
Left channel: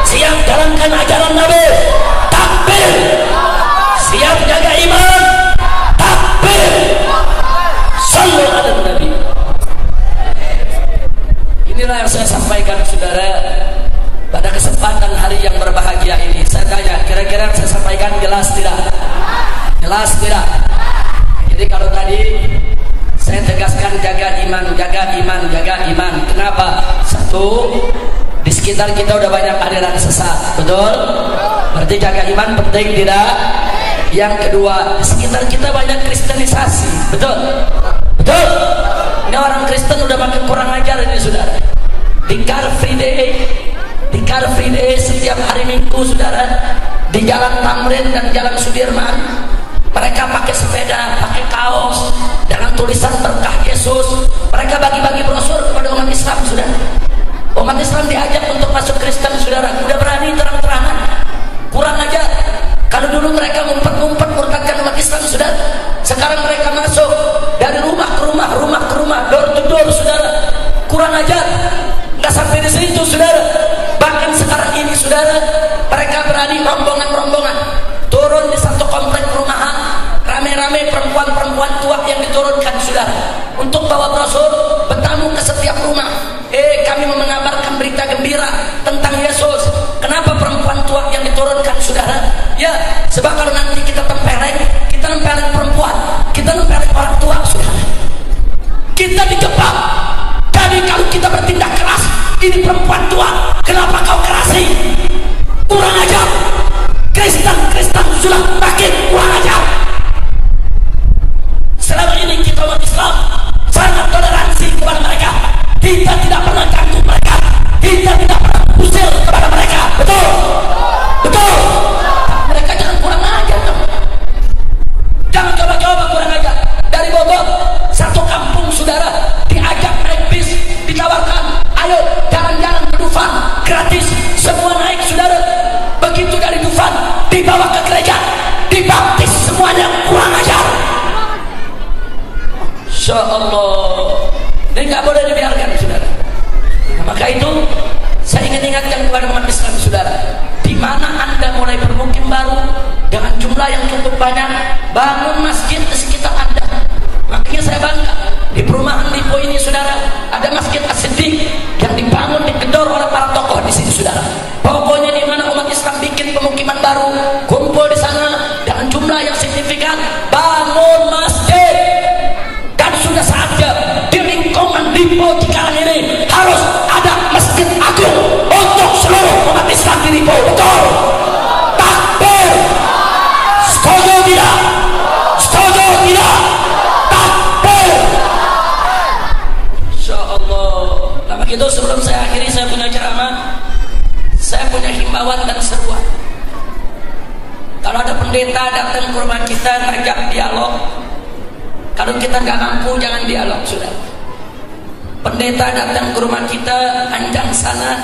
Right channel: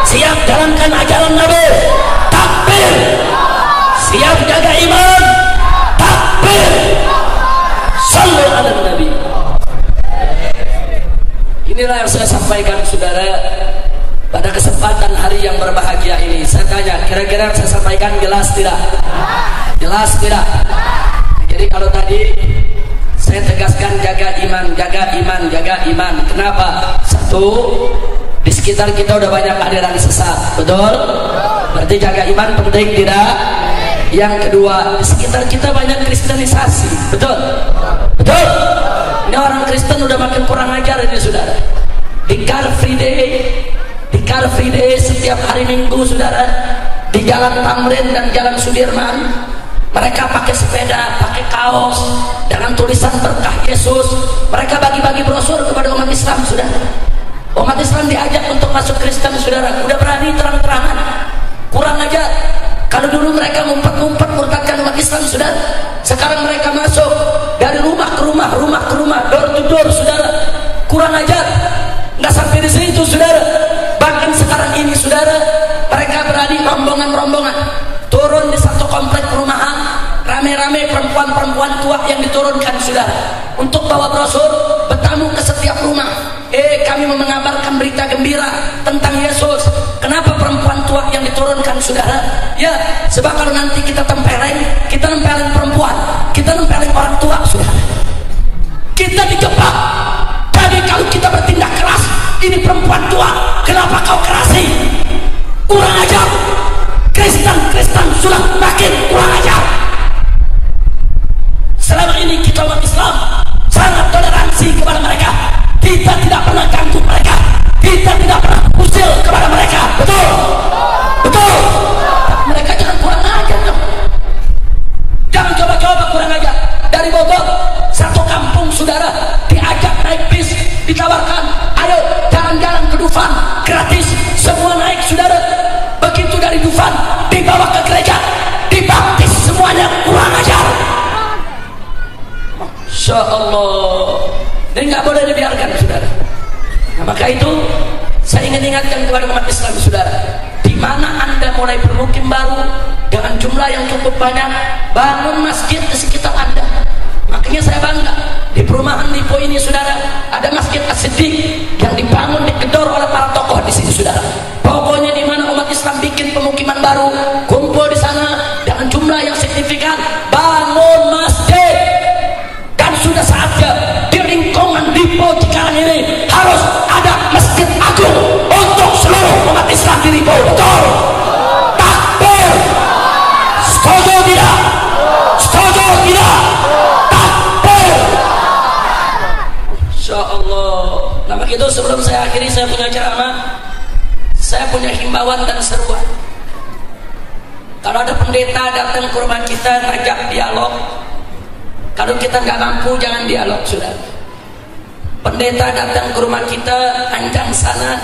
siap jalankan ajaran Nabi, takbir, siap jaga iman, takbir, sallu ala Nabi. Inilah yang saya sampaikan saudara pada kesempatan hari yang berbahagia ini. Saya tanya, kira-kira yang saya sampaikan jelas tidak? Jelas tidak? Jadi kalau tadi saya tegaskan jaga iman, jaga iman, jaga iman. Kenapa? Satu, di sekitar kita udah banyak aliran sesat, betul? Berarti jaga iman penting tidak? Yang kedua, di sekitar kita banyak kristenisasi, betul? Betul? Ini orang Kristen udah makin kurang ajar ini saudara. Di Car Free Day setiap hari Minggu saudara, di Jalan Tamrin dan Jalan Sudirman, mereka pakai sepeda, pakai kaos dengan tulisan berkah Yesus. Mereka bagi-bagi brosur kepada umat Islam saudara. Umat Islam diajak untuk masuk Kristen saudara, udah berani terang-terangan. Kurang ajar. Kalau dulu mereka ngumpet-ngumpet murtadkan umat Islam saudara, sekarang mereka masuk dari rumah ke rumah, rumah ke rumah, door to door saudara. Kurang ajar. Nggak sampai di situ saudara, bahkan sekarang ini saudara, mereka berani rombongan-rombongan turun di satu komplek perumahan, rame-rame perempuan-perempuan tua yang diturunkan saudara untuk bawa brosur, bertamu ke setiap rumah. Kami mengabarkan berita gembira tentang Yesus. Kenapa perempuan tua yang diturunkan saudara? Ya, sebab kalau nanti kita tempelin perempuan, kita tempelin orang tua saudara, kita dijebak. Jadi kalau kita bertindak keras, ini perempuan tua, kenapa kau kerasi? Kurang ajar. Kristen sudah makin kurang ajar. Selama ini kita umat Islam sangat toleransi kepada mereka. Kita tidak pernah ganggu mereka, kita tidak pernah usil kepada mereka, betul? Betul. Mereka jangan kurang ajar dong. Jangan coba-coba kurang ajar. Dari Bogor, satu kampung saudara diajak naik bis, ditawarkan, ayo jalan-jalan ke Dufan, gratis, semua naik saudara. Begitu dari Dufan dibawa ke gereja, dibaptis semuanya, kurang ajar. Masya Allah. Ini nggak boleh dibiarkan saudara. Nah, maka itu Saya ingin ingatkan kepada umat Islam, saudara, di mana Anda mulai bermukim baru dengan jumlah yang cukup banyak, bangun masjid di sekitar Anda. Makanya saya bangga di perumahan Lipo ini, saudara, ada Masjid As-Siddiq yang dibangun, digedor oleh para tokoh di sini, saudara. Pokoknya di mana umat Islam bikin pemukiman baru, kumpul di sana dengan jumlah yang signifikan, bangun masjid. Dan sudah saatnya di lingkungan Lipo Cikarang ini harus ada masjid agung untuk seluruh umat Islam di Lipo. Betul? Takbir. Setuju tidak? Setuju tidak? Takbir. Insya Allah. Nah begitu, sebelum saya akhiri, saya punya ceramah, saya punya himbauan dan seruan. Kalau ada pendeta datang ke rumah kita ngajak dialog, kalau kita nggak mampu jangan dialog, sudah. Pendeta datang ke rumah kita, anjang sana,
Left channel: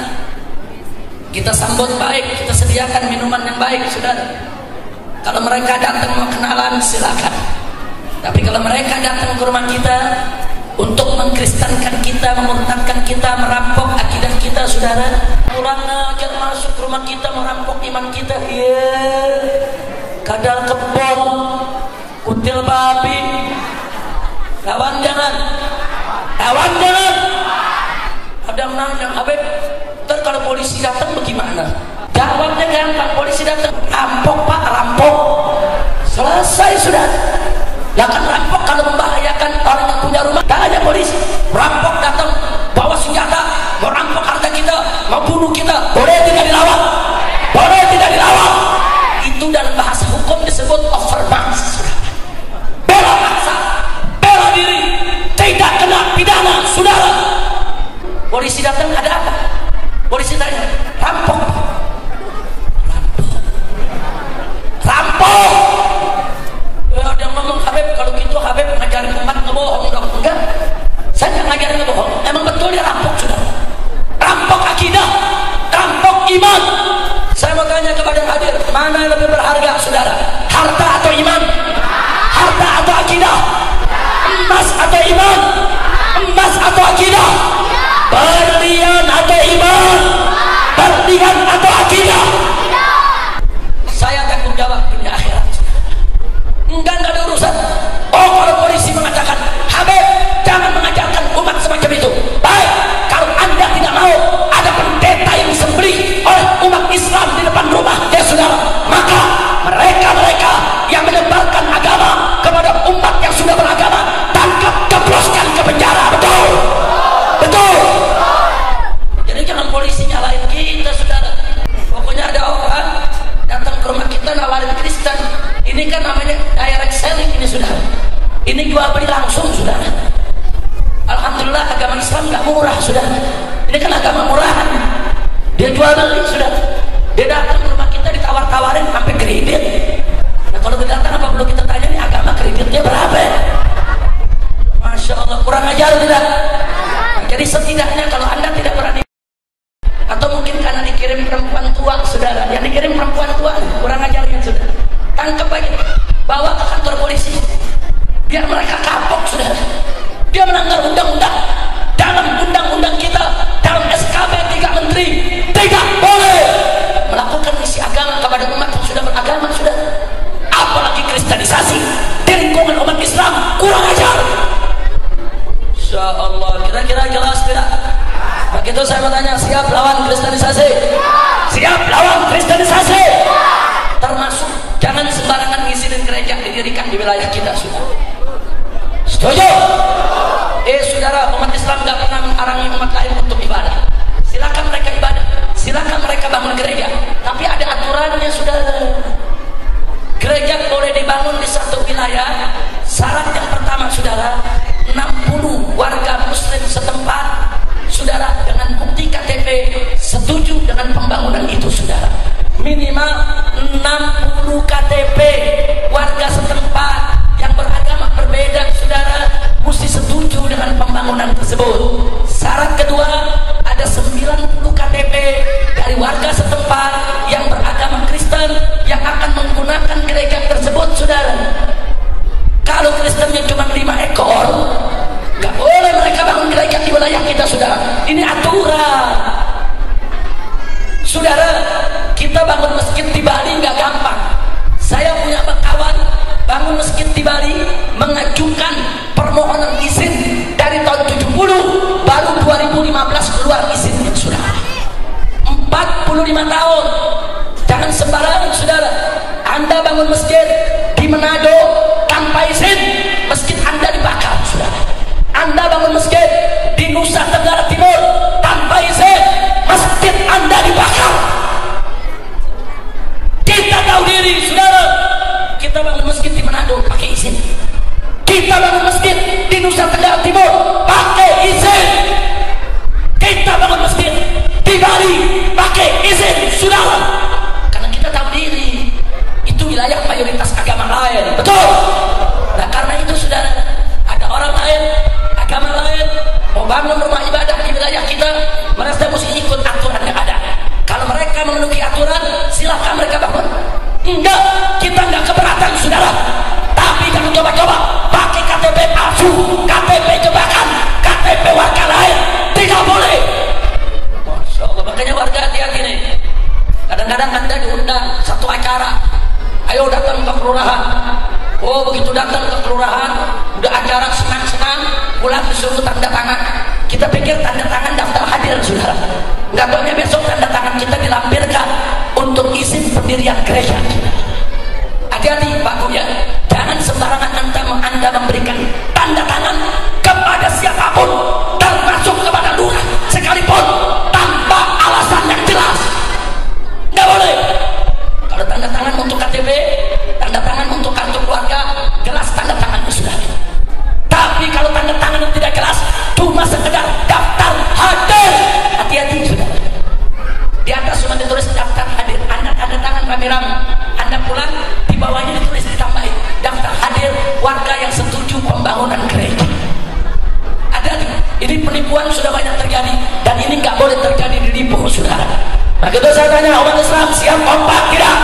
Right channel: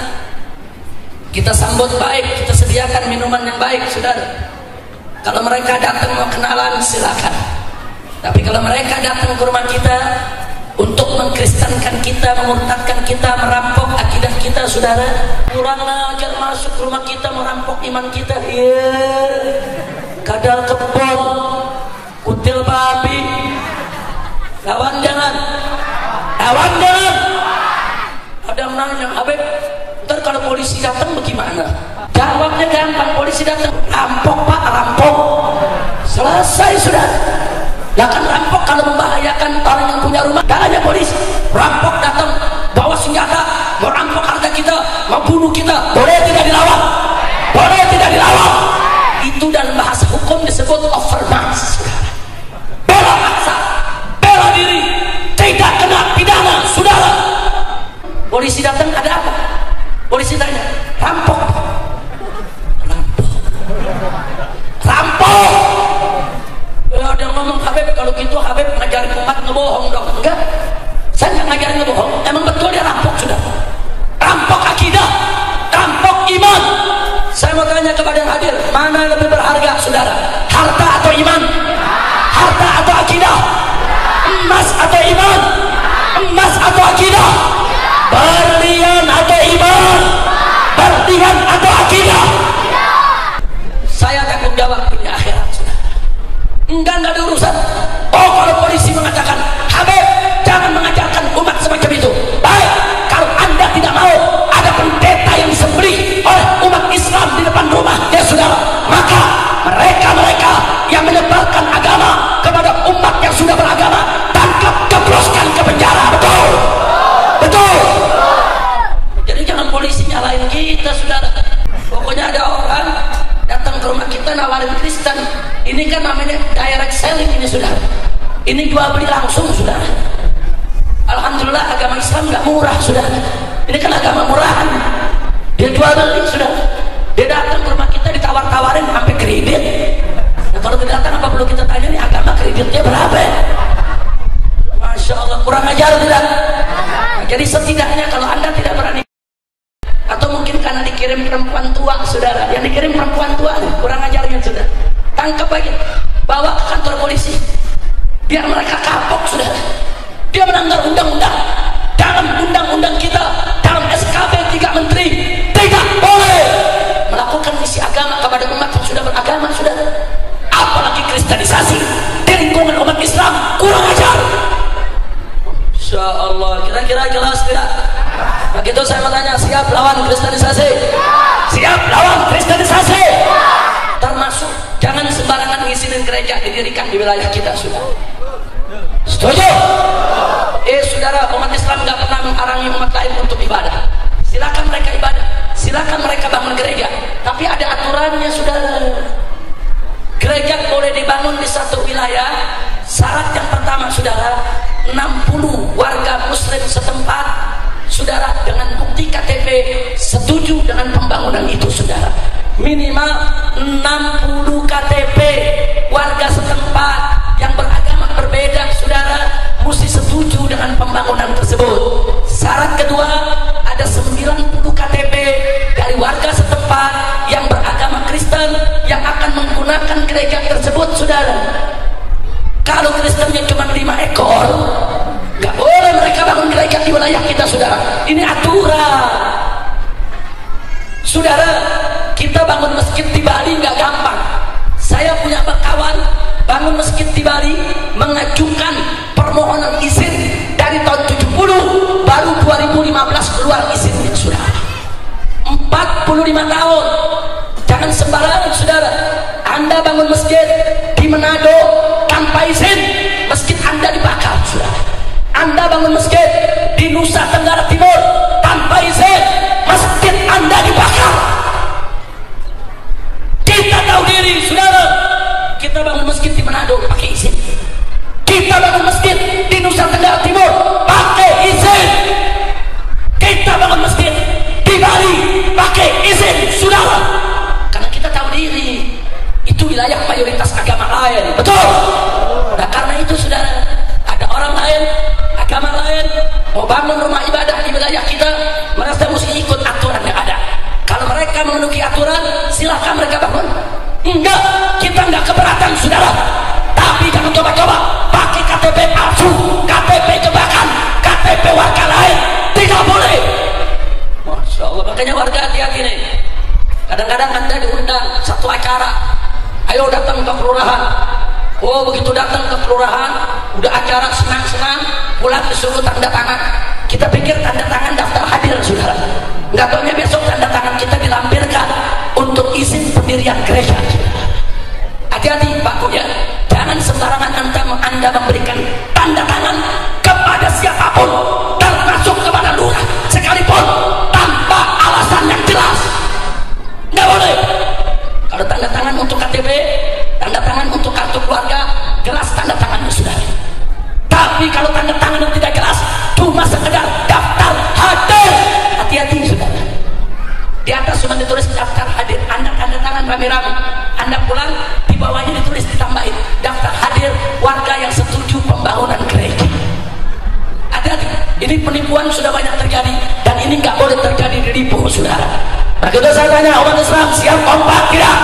kita sambut baik, kita sediakan minuman yang baik, saudara. Kalau mereka datang mau kenalan, silakan. Tapi kalau mereka datang ke rumah kita untuk mengkristenkan kita, memurtadkan kita, merampok akidah kita, saudara, kurang ajar masuk ke rumah kita, merampok iman kita. Kadal kebon, kutil babi, lawan jangan. Lawan jangan. Ada yang nanya, Habib, ntar kalau polisi datang bagaimana? Jawabnya gampang, polisi datang, rampok pak, rampok. Selesai sudah. Lah kan rampok kalau membahayakan orang yang punya rumah, tak ada polisi. Rampok datang, bawa senjata, mau rampok harta kita, mau bunuh kita, boleh tidak dilawan? Boleh tidak dilawan? Itu dalam bahasa hukum disebut overmatch. Bela paksa, bela diri, tidak kena pidana, saudara. Polisi datang, ada apa? Polisi tanya, rampok. Rampok. Ada yang ngomong, Habib, kalau gitu Habib ngajarin umat ngebohong dong. Enggak, saya nggak ngajarin ngebohong. Emang betul dia rampok, sudah. Rampok akidah, rampok iman. Saya mau tanya kepada yang hadir, mana yang lebih berharga, saudara? Harta atau iman? Harta atau akidah? Emas atau iman? Emas atau akidah? Berlian atau iman? Berlian atau akidah? Saya takut jawab punya akhirat. Enggak ada urusan. Oh, kalau polisi mengatakan, Habib, jangan mengajarkan umat semacam itu. Baik, kalau Anda tidak mau ada pendeta yang disembelih oleh umat Islam di depan rumah, ya saudara, maka mereka-mereka yang menyebarkan agama kepada umat yang sudah beragama, tangkap, kebroskan ke penjara. Betul? Betul? Jadi jangan polisi nyalain kita, saudara. Pokoknya ada orang datang ke rumah kita nawarin Kristen. Ini kan namanya direct selling ini, sudah. Ini jual beli langsung, sudah. Alhamdulillah agama Islam nggak murah, sudah. Ini kan agama murahan. Dia jual beli, sudah. Dia datang ke rumah kita ditawar-tawarin sampai kredit. Nah, kalau dia datang apa perlu kita tanya nih agama kreditnya berapa? Masya Allah, kurang ajar tidak? Nah, jadi setidaknya kalau Anda tidak berani, atau mungkin karena dikirim perempuan tua, saudara, yang dikirim perempuan tua kurang ajarnya, saudara, tangkap lagi, bawa ke kantor polisi, biar mereka kapok, saudara. Dia melanggar undang-undang. Dalam undang-undang kita, dalam SKB 3 Menteri, tidak boleh melakukan misi agama kepada umat yang sudah beragama, saudara. Apalagi kristenisasi di lingkungan umat Islam, kurang ajar. Insya Allah, kira-kira jelas tidak? Begitu saya mau tanya, siap lawan kristenisasi? Siap lawan kristenisasi? Termasuk jangan sembarangan ngisiin gereja didirikan di wilayah kita, sudah. Setuju? Saudara, umat Islam nggak pernah menghalangi umat lain untuk ibadah. Silakan mereka ibadah, silakan mereka bangun gereja, tapi ada aturannya, saudara. Gereja boleh dibangun di satu wilayah. Syarat yang pertama, saudara, 60 warga muslim setempat, saudara, dengan bukti KTP setuju dengan pembangunan itu, saudara. Minimal 60 KTP warga setempat yang beragama berbeda, saudara, mesti setuju dengan pembangunan tersebut. Syarat kedua, ada 90 KTP dari warga setempat yang beragama Kristen yang akan menggunakan gereja tersebut, saudara. Kalau Kristennya cuma 5 ekor, nggak boleh mereka bangun gereja di wilayah kita, saudara. Ini aturan. Saudara, kita bangun masjid di Bali nggak gampang. Saya punya kawan bangun masjid di Bali, mengajukan permohonan izin dari tahun 70, baru 2015 keluar izinnya. Saudara, 45 tahun. Jangan sembarangan saudara. Anda bangun masjid di Manado tanpa izin, masjid Anda dibakar. Saudara, Anda bangun masjid di Nusa Tenggara Timur tanpa izin, masjid Anda dibakar. Kita tahu diri saudara. Kita bangun masjid di Manado pakai izin, kita bangun masjid di Nusa Tenggara Timur pakai izin, kita bangun masjid di Bali pakai izin saudara. Karena kita tahu diri itu wilayah mayoritas agama lain, betul. Nah karena itu saudara, ada orang lain, agama lain mau bangun rumah ibadah di wilayah kita, merasa mesti ikut aturan yang ada. Kalau mereka memenuhi aturan, silahkan mereka bangun. Enggak, kita enggak keberatan saudara. Tapi jangan coba-coba pakai KTP palsu, KTP jebakan, KTP warga lain, tidak boleh. Masya Allah, makanya warga hati-hati nih. Kadang-kadang Anda diundang satu acara, ayo datang ke kelurahan. Oh begitu datang ke kelurahan, udah acara senang-senang, pulang disuruh tanda tangan. Kita pikir tanda tangan daftar hadir saudara. Nggak taunya besok tanda tangan kita dilampirkan untuk izin pendirian gereja. Hati-hati Pak Bu ya, jangan sembarangan Anda memberikan tanda tangan kepada siapapun, termasuk kepada lurah sekalipun, tanpa alasan yang jelas. Nggak boleh. Kalau tanda tangan untuk KTP, tanda tangan untuk kartu keluarga, jelas tanda tangannya sudah. Tapi kalau tanda tangan yang tidak jelas, cuma sekedar daftar hadir, hati-hati sudah. Di atas cuma ditulis daftar hadir, Anda tanda tangan rame-rame. Anda pulang, di bawahnya ditulis ditambahin daftar hadir warga yang setuju pembangunan gereja. Hati-hati, ini penipuan sudah banyak terjadi dan ini nggak boleh terjadi di Lipo saudara. Nah itu saya tanya umat Islam, siap kompak tidak?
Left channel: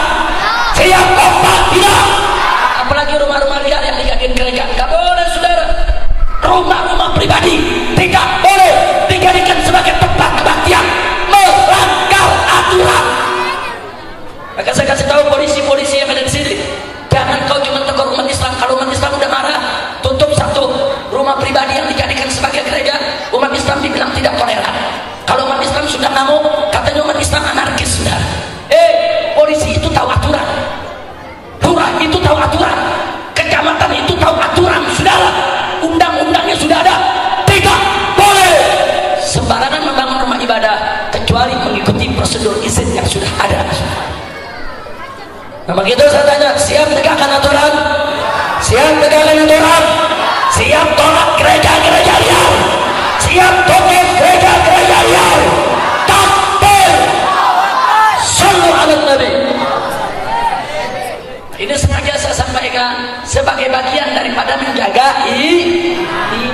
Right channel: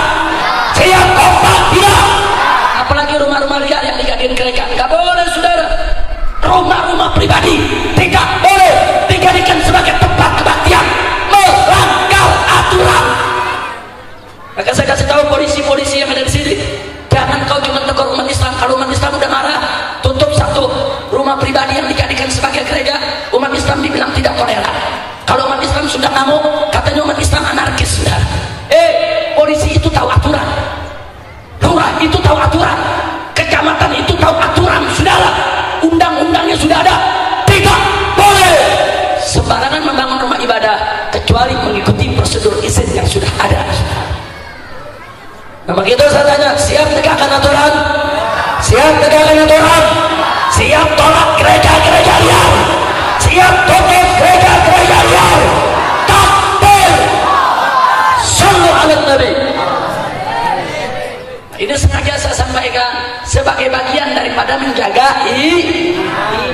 Siap kompak tidak? Apalagi rumah-rumah liar yang dijadikan gereja, nggak boleh saudara. Rumah-rumah pribadi tidak boleh dijadikan sebagai tempat kebaktian, melanggar aturan. Maka saya kasih tahu polisi-polisi yang ada di sini, jangan kau cuma tegur umat Islam. Kalau umat Islam udah marah, tutup satu rumah pribadi yang dijadikan sebagai gereja. Umat Islam dibilang tidak toleran. Kalau umat Islam sudah ngamuk, katanya umat Islam anarkis sudah. Polisi itu tahu aturan, lurah itu tahu aturan, kecamatan itu tahu aturan, saudara. Undang-undangnya sudah ada. Tidak boleh sembarangan membangun rumah ibadah kecuali mengikuti prosedur izin yang sudah ada. Nah begitu saya tanya, siap tegakkan aturan? Siap tegakkan aturan? Siap tolak gereja-gereja liar? Siap tutup gereja-gereja liar? Takbir! Sallu ala Nabi. Ini sengaja saya sampaikan sebagai bagian daripada menjaga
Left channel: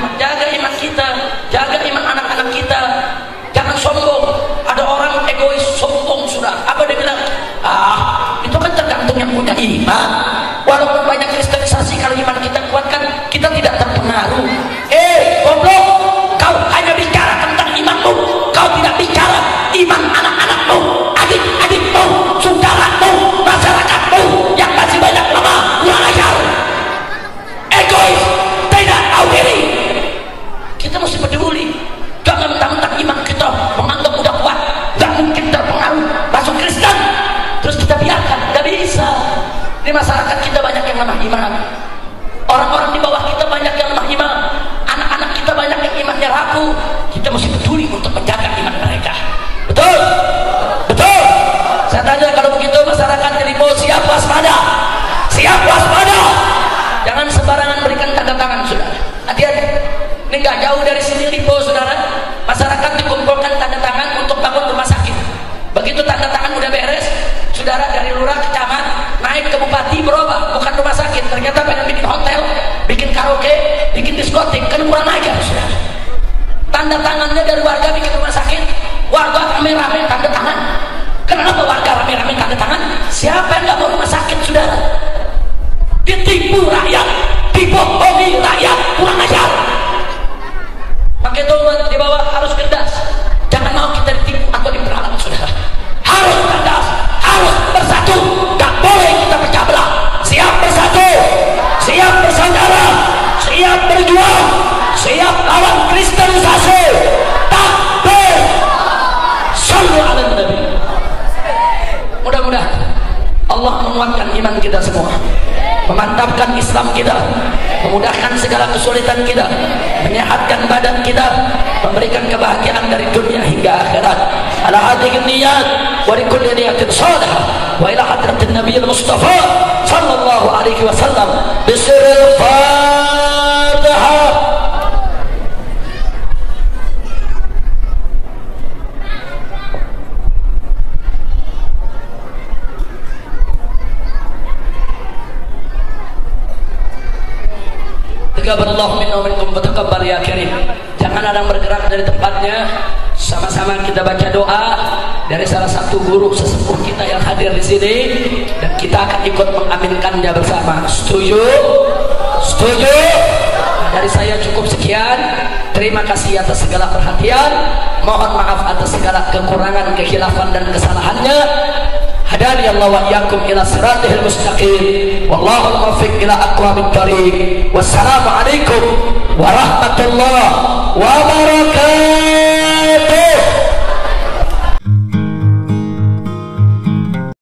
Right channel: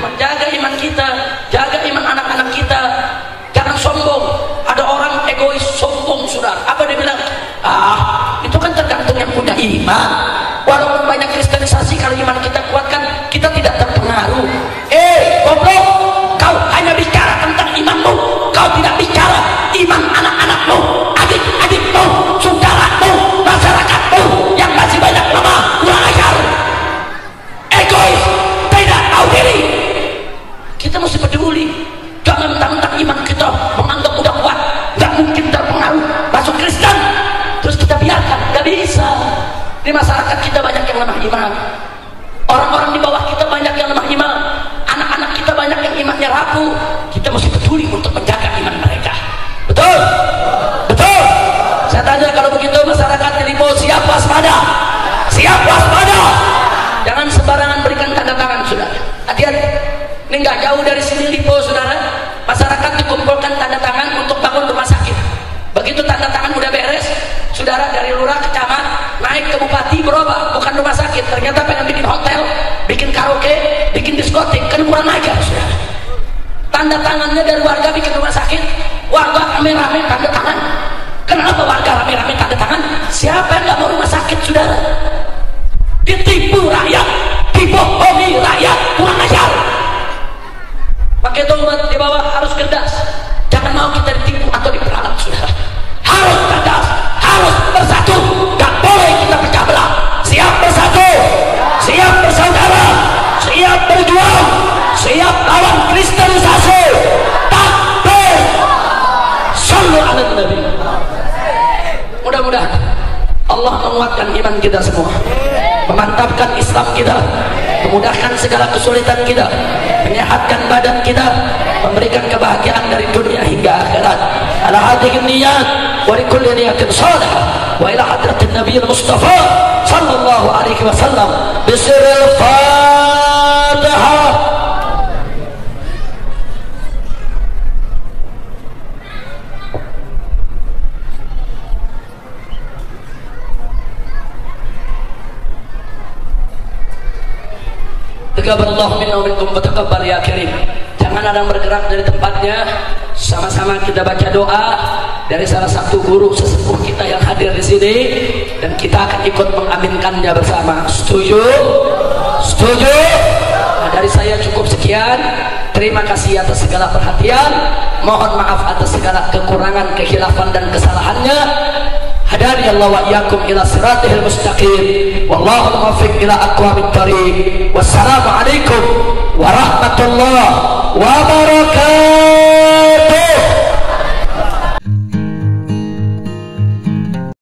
menjaga iman kita, jaga iman anak-anak kita. Jangan sombong. Ada orang egois sombong sudah. Apa dia bilang? Itu kan tergantung yang punya iman. Walaupun banyak kristenisasi, kalau iman kita kuatkan, kita tidak terpengaruh. Goblok, kau hanya bicara tentang imanmu, kau tidak bicara iman anak-anakmu, adik-adikmu, saudaramu, masyarakatmu yang masih banyak lemah, kurang ajar, egois, tidak tahu diri. Kita mesti peduli. Jangan mentang-mentang iman kita menganggap udah kuat, nggak mungkin terpengaruh masuk Kristen, terus kita biarkan. Nggak bisa. Di masyarakat kita banyak yang lemah iman, orang-orang di bawah kita banyak yang lemah iman, anak-anak kita banyak yang imannya rapuh. Kita mesti peduli untuk menjaga iman mereka. Betul? Betul? Saya tanya, kalau begitu masyarakat di Lipo siap waspada? Siap waspada? Jangan sembarangan berikan tanda tangan, saudara. Hati-hati. Ini nggak jauh dari sini Lipo, saudara. Masyarakat dikumpulkan tanda tangan untuk bangun rumah sakit. Begitu tanda tangan udah beres, saudara, dari lurah ke camat naik ke bupati berubah, bukan rumah sakit. Ternyata pengen bikin hotel, bikin karaoke, bikin diskotik, kan kurang ajar, saudara. Tanda tangannya dari warga bikin rumah sakit, warga rame-rame tanda tangan. Kenapa warga rame-rame tanda tangan? Siapa yang nggak mau rumah sakit, saudara? Ditipu rakyat, dibohongi rakyat, kurang ajar. Maka itu umat di bawah harus cerdas. Jangan mau kita ditipu atau diperalat, saudara. Harus ala nabi. Mudah-mudahan Allah menguatkan iman kita semua, memantapkan Islam kita, memudahkan segala kesulitan kita, menyehatkan badan kita, memberikan kebahagiaan dari dunia hingga akhirat. Ala hadhihi niyat wa likulli niyatin salihah wa ila hadratin nabiyil mustafa sallallahu alaihi wasallam bisirril Fatihah. Taqabbalallahu minna wa minkum wa taqabbal ya karim. Jangan ada yang bergerak dari tempatnya. Sama-sama kita baca doa dari salah satu guru sesepuh kita yang hadir di sini, dan kita akan ikut mengaminkannya bersama. Setuju? Setuju? Nah, dari saya cukup sekian. Terima kasih atas segala perhatian. Mohon maaf atas segala kekurangan, kekhilafan dan kesalahannya. Hadani Allah wa iyyakum ila siratihil mustaqim. Wallahu muwaffiq ila aqwamit thariq. Wassalamu alaikum warahmatullahi wabarakatuh.